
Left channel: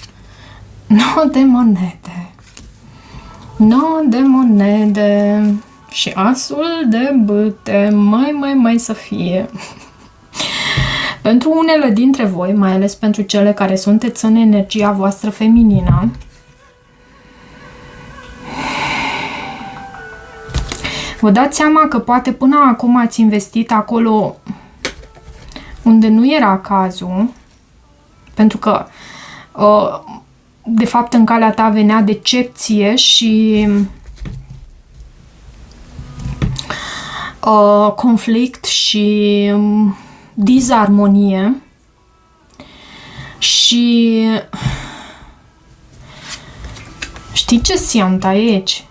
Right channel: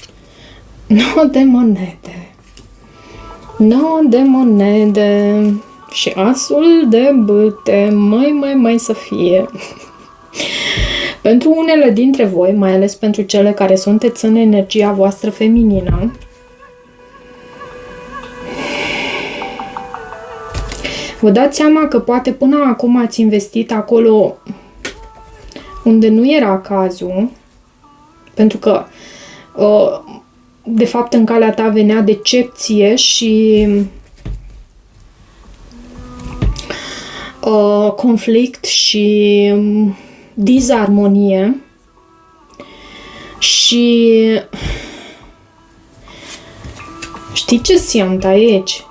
9 de monede. 9 de monede. Și asul de bâte. Mai să fie. Pentru unele dintre voi, mai ales pentru cele care sunteți în energia voastră feminină, vă dați seama că poate până acum ați investit acolo unde nu era cazul, pentru că de fapt în calea ta venea decepție și conflict și disarmonie și știi ce simt aici?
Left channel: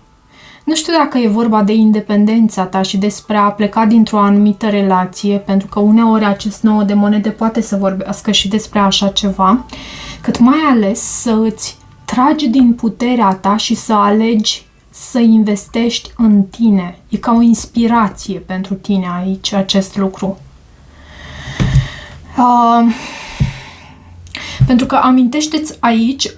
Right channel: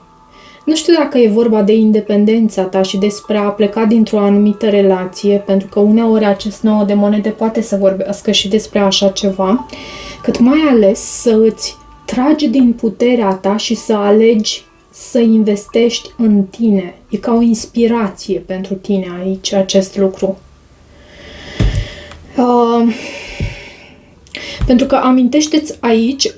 Nu știu dacă e vorba de independența ta și despre a pleca dintr-o anumită relație, pentru că uneori acest 9 de monede poate să vorbească și despre așa ceva, cât mai ales să îți tragi din puterea ta și să alegi să investești în tine. E ca o inspirație pentru tine aici acest lucru. Pentru că amintește-ți aici,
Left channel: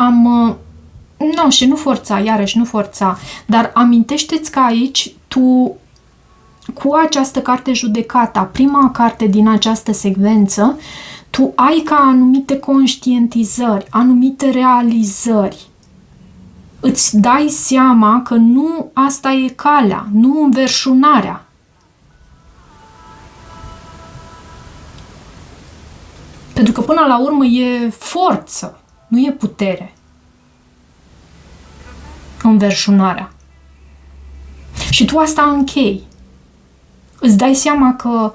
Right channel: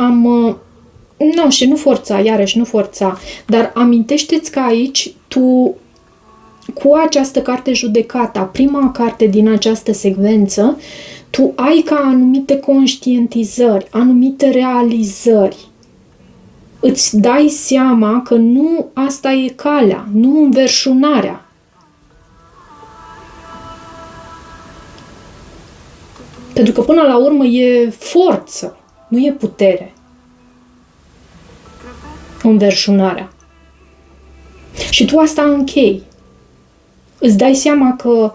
și nu forța, iarăși nu forța, dar amintește-ți că aici tu, cu această carte Judecata, prima carte din această secvență, tu ai ca anumite conștientizări, anumite realizări. Îți dai seama că nu asta e calea, nu înverșunarea. Pentru că până la urmă e forță, nu e putere. Înverșunarea. Și tu asta închei. Îți dai seama că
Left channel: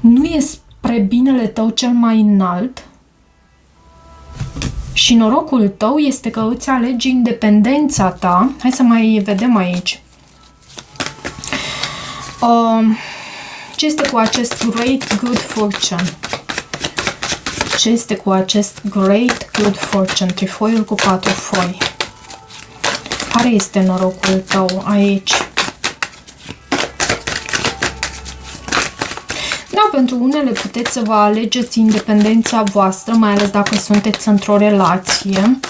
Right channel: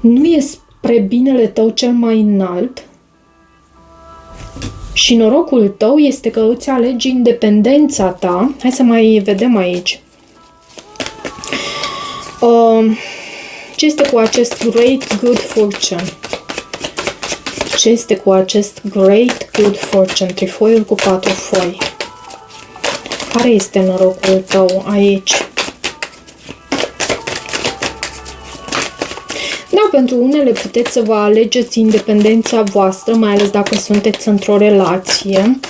nu e spre binele tău cel mai înalt și norocul tău este că îți alegi independența ta. Hai să mai vedem aici. Ce este cu acest Great Good Fortune? Ce este cu acest Great Good Fortune? Trifoiul cu 4 foi. Care este norocul tău aici? Da, pentru unele puteți să vă alegeți independența voastră, mai ales dacă sunteți într-o relație.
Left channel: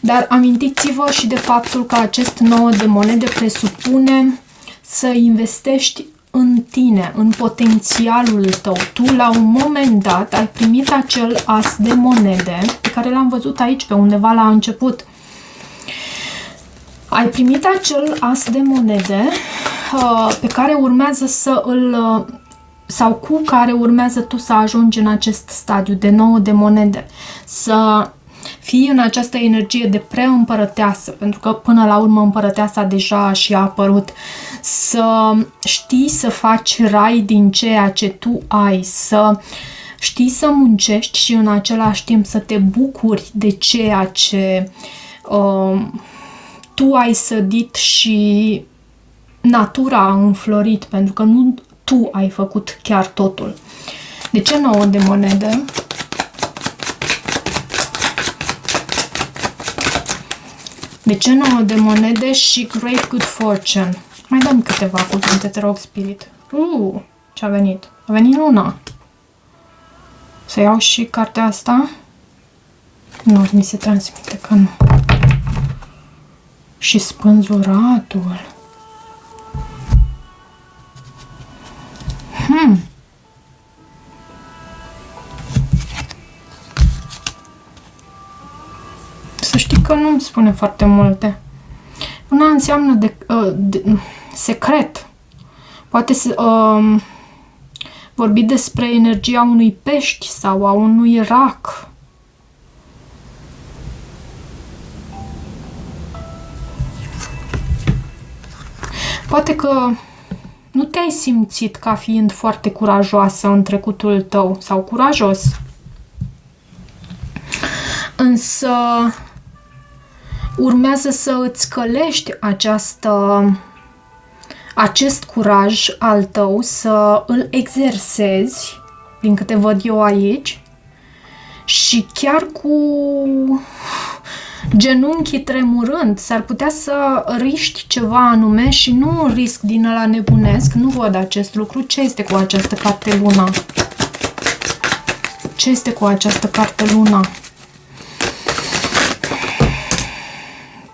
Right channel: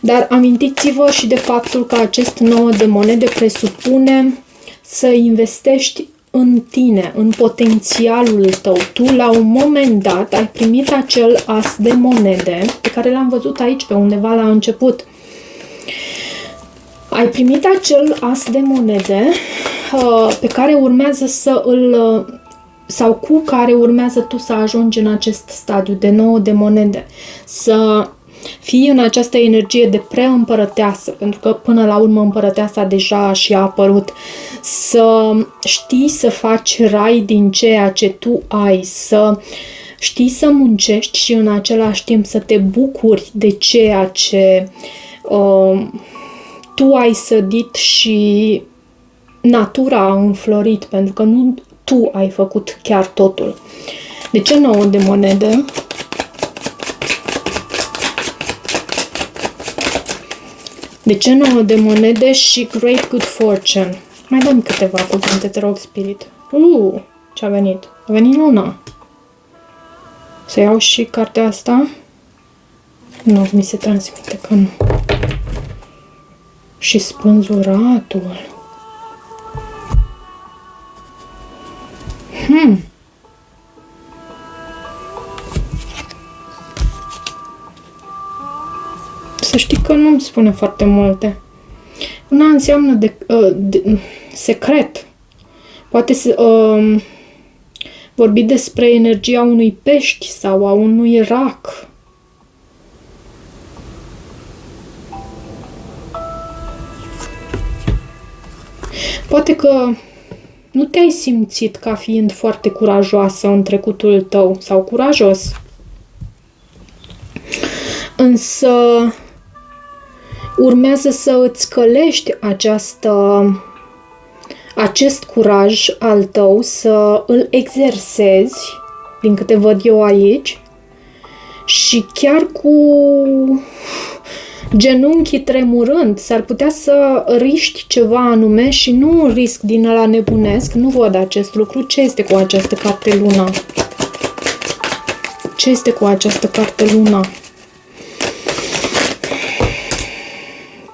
Dar amintiți-vă și de faptul că acest 9 de monede presupune să investești în tine, în potențialul tău. Tu, la un moment dat, ai primit acel as de monede, pe care l-am văzut aici, pe undeva la început. Ai primit acel as de monede pe care urmează să îl... sau cu care urmează tu să ajungi în acest stadiu de 9 de monede. Să fii în această energie de preîmpărăteasă, pentru că până la urmă împărăteasa deja și a apărut. Să știi să faci rai din ceea ce tu ai, să știi să muncești și în același timp să te bucuri de ceea ce tu ai sădit și natura a înflorit, pentru că nu tu ai făcut chiar totul. De ce 9 de monede? De ce 9 de monede și Great Good Fortune? Mai dăm câteva cuvinte, te rog, Spirit. Ce a venit? A venit luna. Să iau și cartea asta? Nu, mi se transmite că nu. Și spânzuratul. Să știi că nu îmi spune foarte multe. Una înseamnă secret. Poate să vorbi despre energia unui pești sau a unui rac. Poate că nu te-ai simțit ca fiind foarte curajoasă în trecutul tău sau curajos. Însă urmează să îți călești acest curaj al tău, să îl exersezi, din câte văd eu aici, și chiar cu genunchii tremurând, s-ar putea să riști ceva anume și nu un risc din ăla nebunesc. Nu văd acest lucru. Ce este cu această carte luna? Ce este cu această carte luna?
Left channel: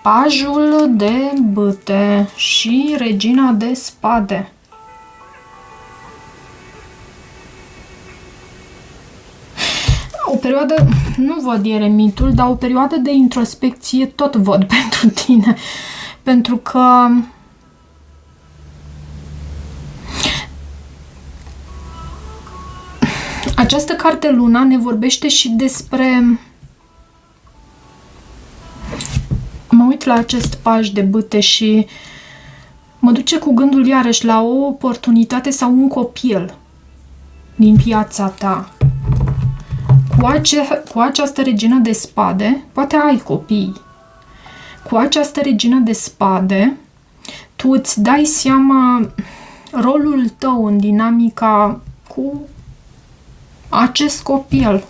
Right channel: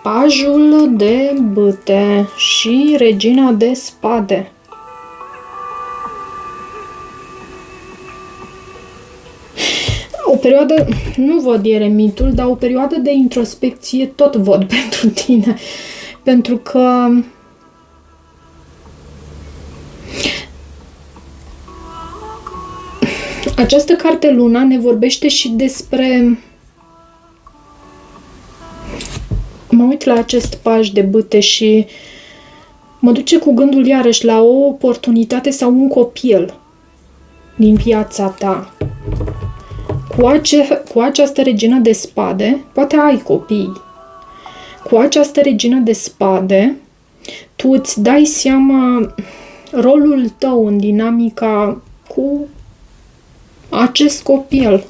Pajul de bâte și regina de spade. O perioadă, nu văd eremitul, dar o perioadă de introspecție tot văd pentru tine. Pentru că această carte luna ne vorbește și despre... Mă uit la acest paj de bâte și mă duce cu gândul iarăși la o oportunitate sau un copil din viața ta. Cu această regină de spade, poate ai copii. Cu această regină de spade, tu îți dai seama rolul tău în dinamica cu acest copil.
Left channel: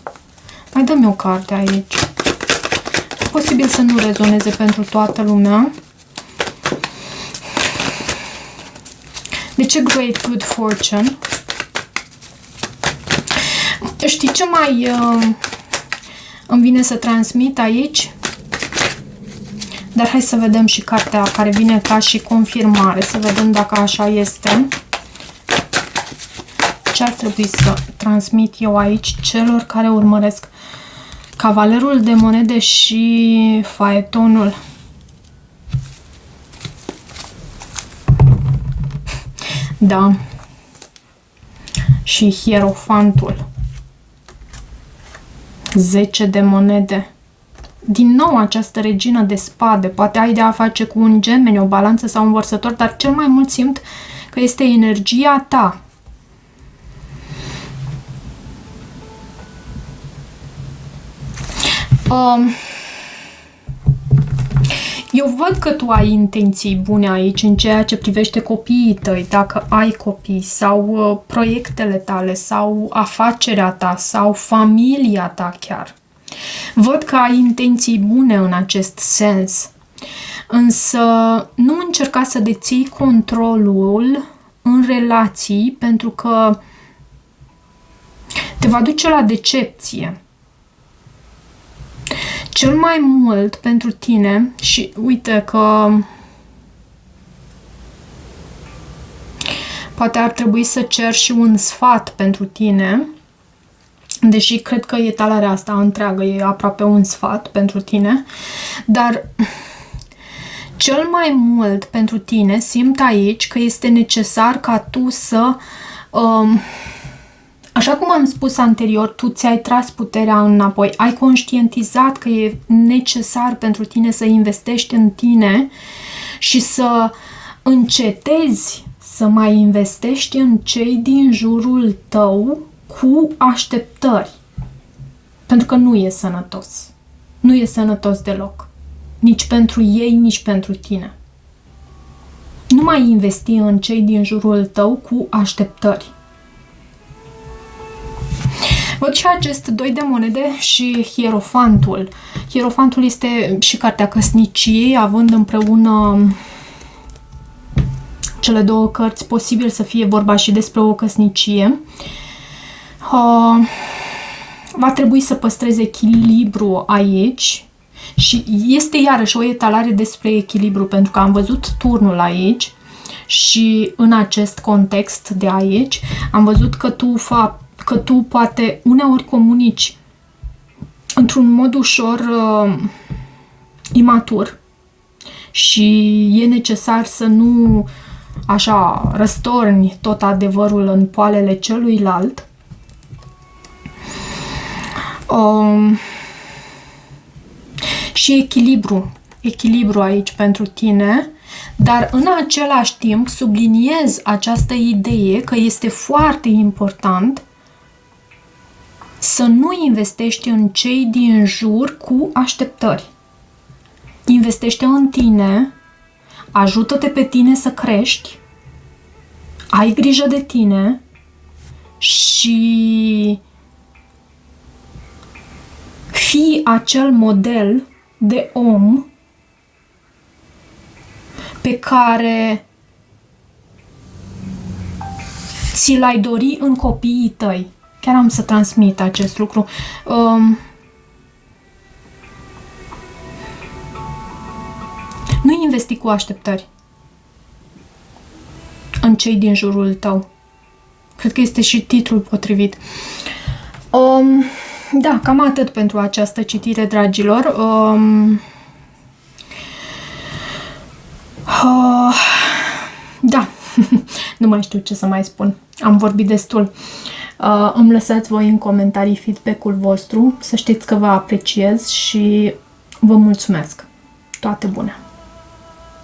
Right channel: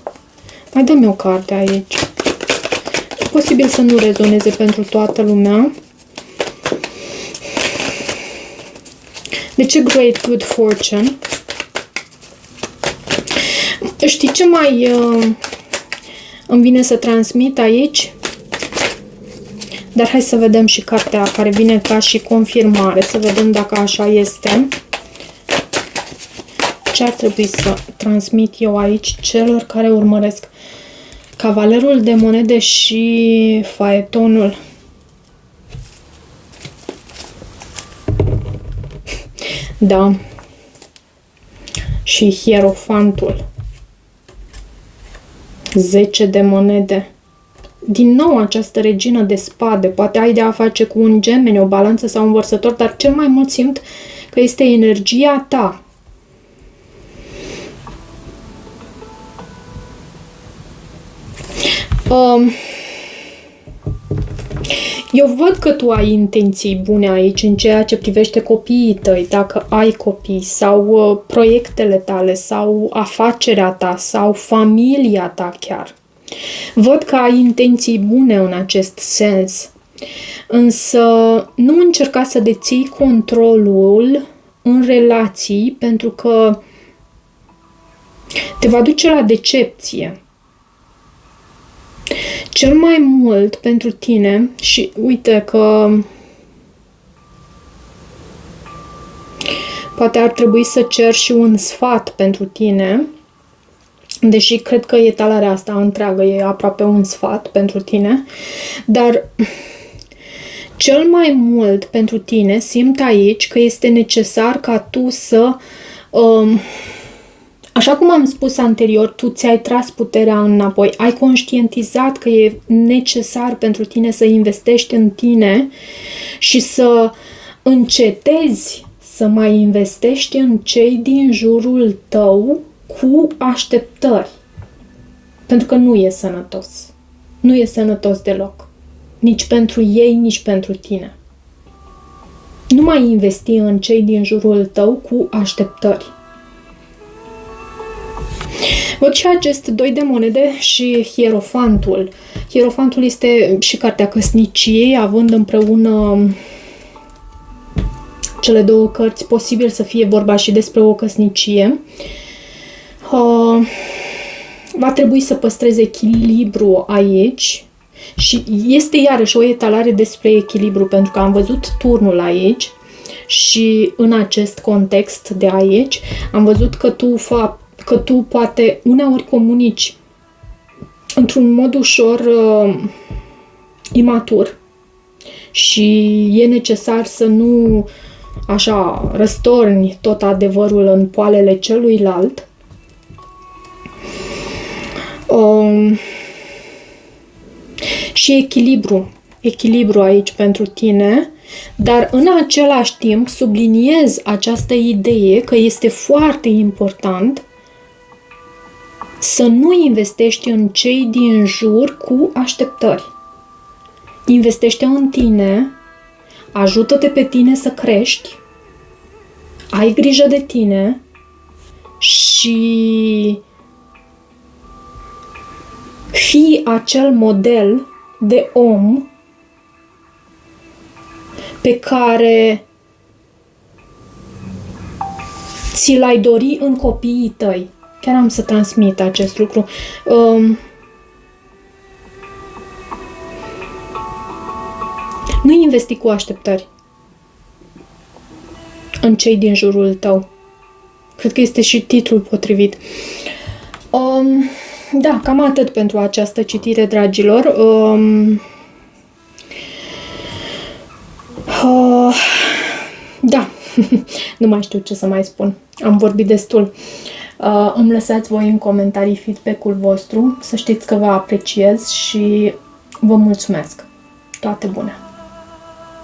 Mai dă-mi o carte aici. Posibil să nu rezoneze pentru toată lumea. De ce Great Good Fortune? Știi ce mai îmi vine să transmit aici? Dar hai să vedem și cartea care vine ca și confirmare. Să vedem dacă așa este. Ce ar trebui să transmit eu aici celor care urmăresc? Cavalerul de monede și faetonul. Da. Și hierofantul. 10 de monede. Din nou această regină de spade. Poate ai de a face cu un gemeni, o balanță sau un vărsător, dar cel mai mult simt că este energia ta. Eu văd că tu ai intenții bune aici în ceea ce privește copiii tăi, dacă ai copii, sau proiectele tale, sau afacerea ta, sau familia ta chiar. Văd că ai intenții bune în acest sens, însă nu încerca să deții controlul în relații, pentru că te va duce la decepție. Cel mai mult pentru tine, și uite că poate ar trebui să cer și un sfat pentru tine, deși cred că etalarea asta întreagă e aproape un sfat pentru tine, dar cel mai mult pentru tine simt aici că este necesar ca tu să... Așa cum am spus anterior, tu ți-ai tras puterea înapoi, ai conștientizat că e necesar pentru tine să investești în tine și să încetezi să mai investești în cei din jurul tău cu așteptări. Pentru că nu e sănătos. Nu e sănătos deloc. Nici pentru ei, nici pentru tine. Nu mai investi în cei din jurul tău cu așteptări. Văd și acest 2 de monede și Hierofantul. Hierofantul este și cartea căsniciei, având împreună cele două cărți, posibil să fie vorba și despre o căsnicie. Va trebui să păstrezi echilibru aici și este iarăși o etalare despre echilibru, pentru că am văzut turnul aici și în acest context de aici am văzut că tu poate uneori comunici într-un mod ușor imatur și e necesar să nu așa răstorni tot adevărul în poalele celuilalt. Și echilibru aici pentru tine, dar în același timp subliniez această idee că este foarte important să nu investești în cei din jur cu așteptări. Investește în tine, ajută-te pe tine să crești, ai grijă de tine și fii acel model de om pe care ți l-ai dori în copiii tăi. Chiar am să transmit acest lucru. Nu investi cu așteptări în cei din jurul tău. Cred că este și titlul potrivit. Da, cam atât pentru această citire, dragilor. Da, nu mai știu ce să mai spun. Am vorbit destul. Îmi lăsați voi în comentarii feedback-ul vostru. Să știți că vă apreciez și vă mulțumesc. Toate bune!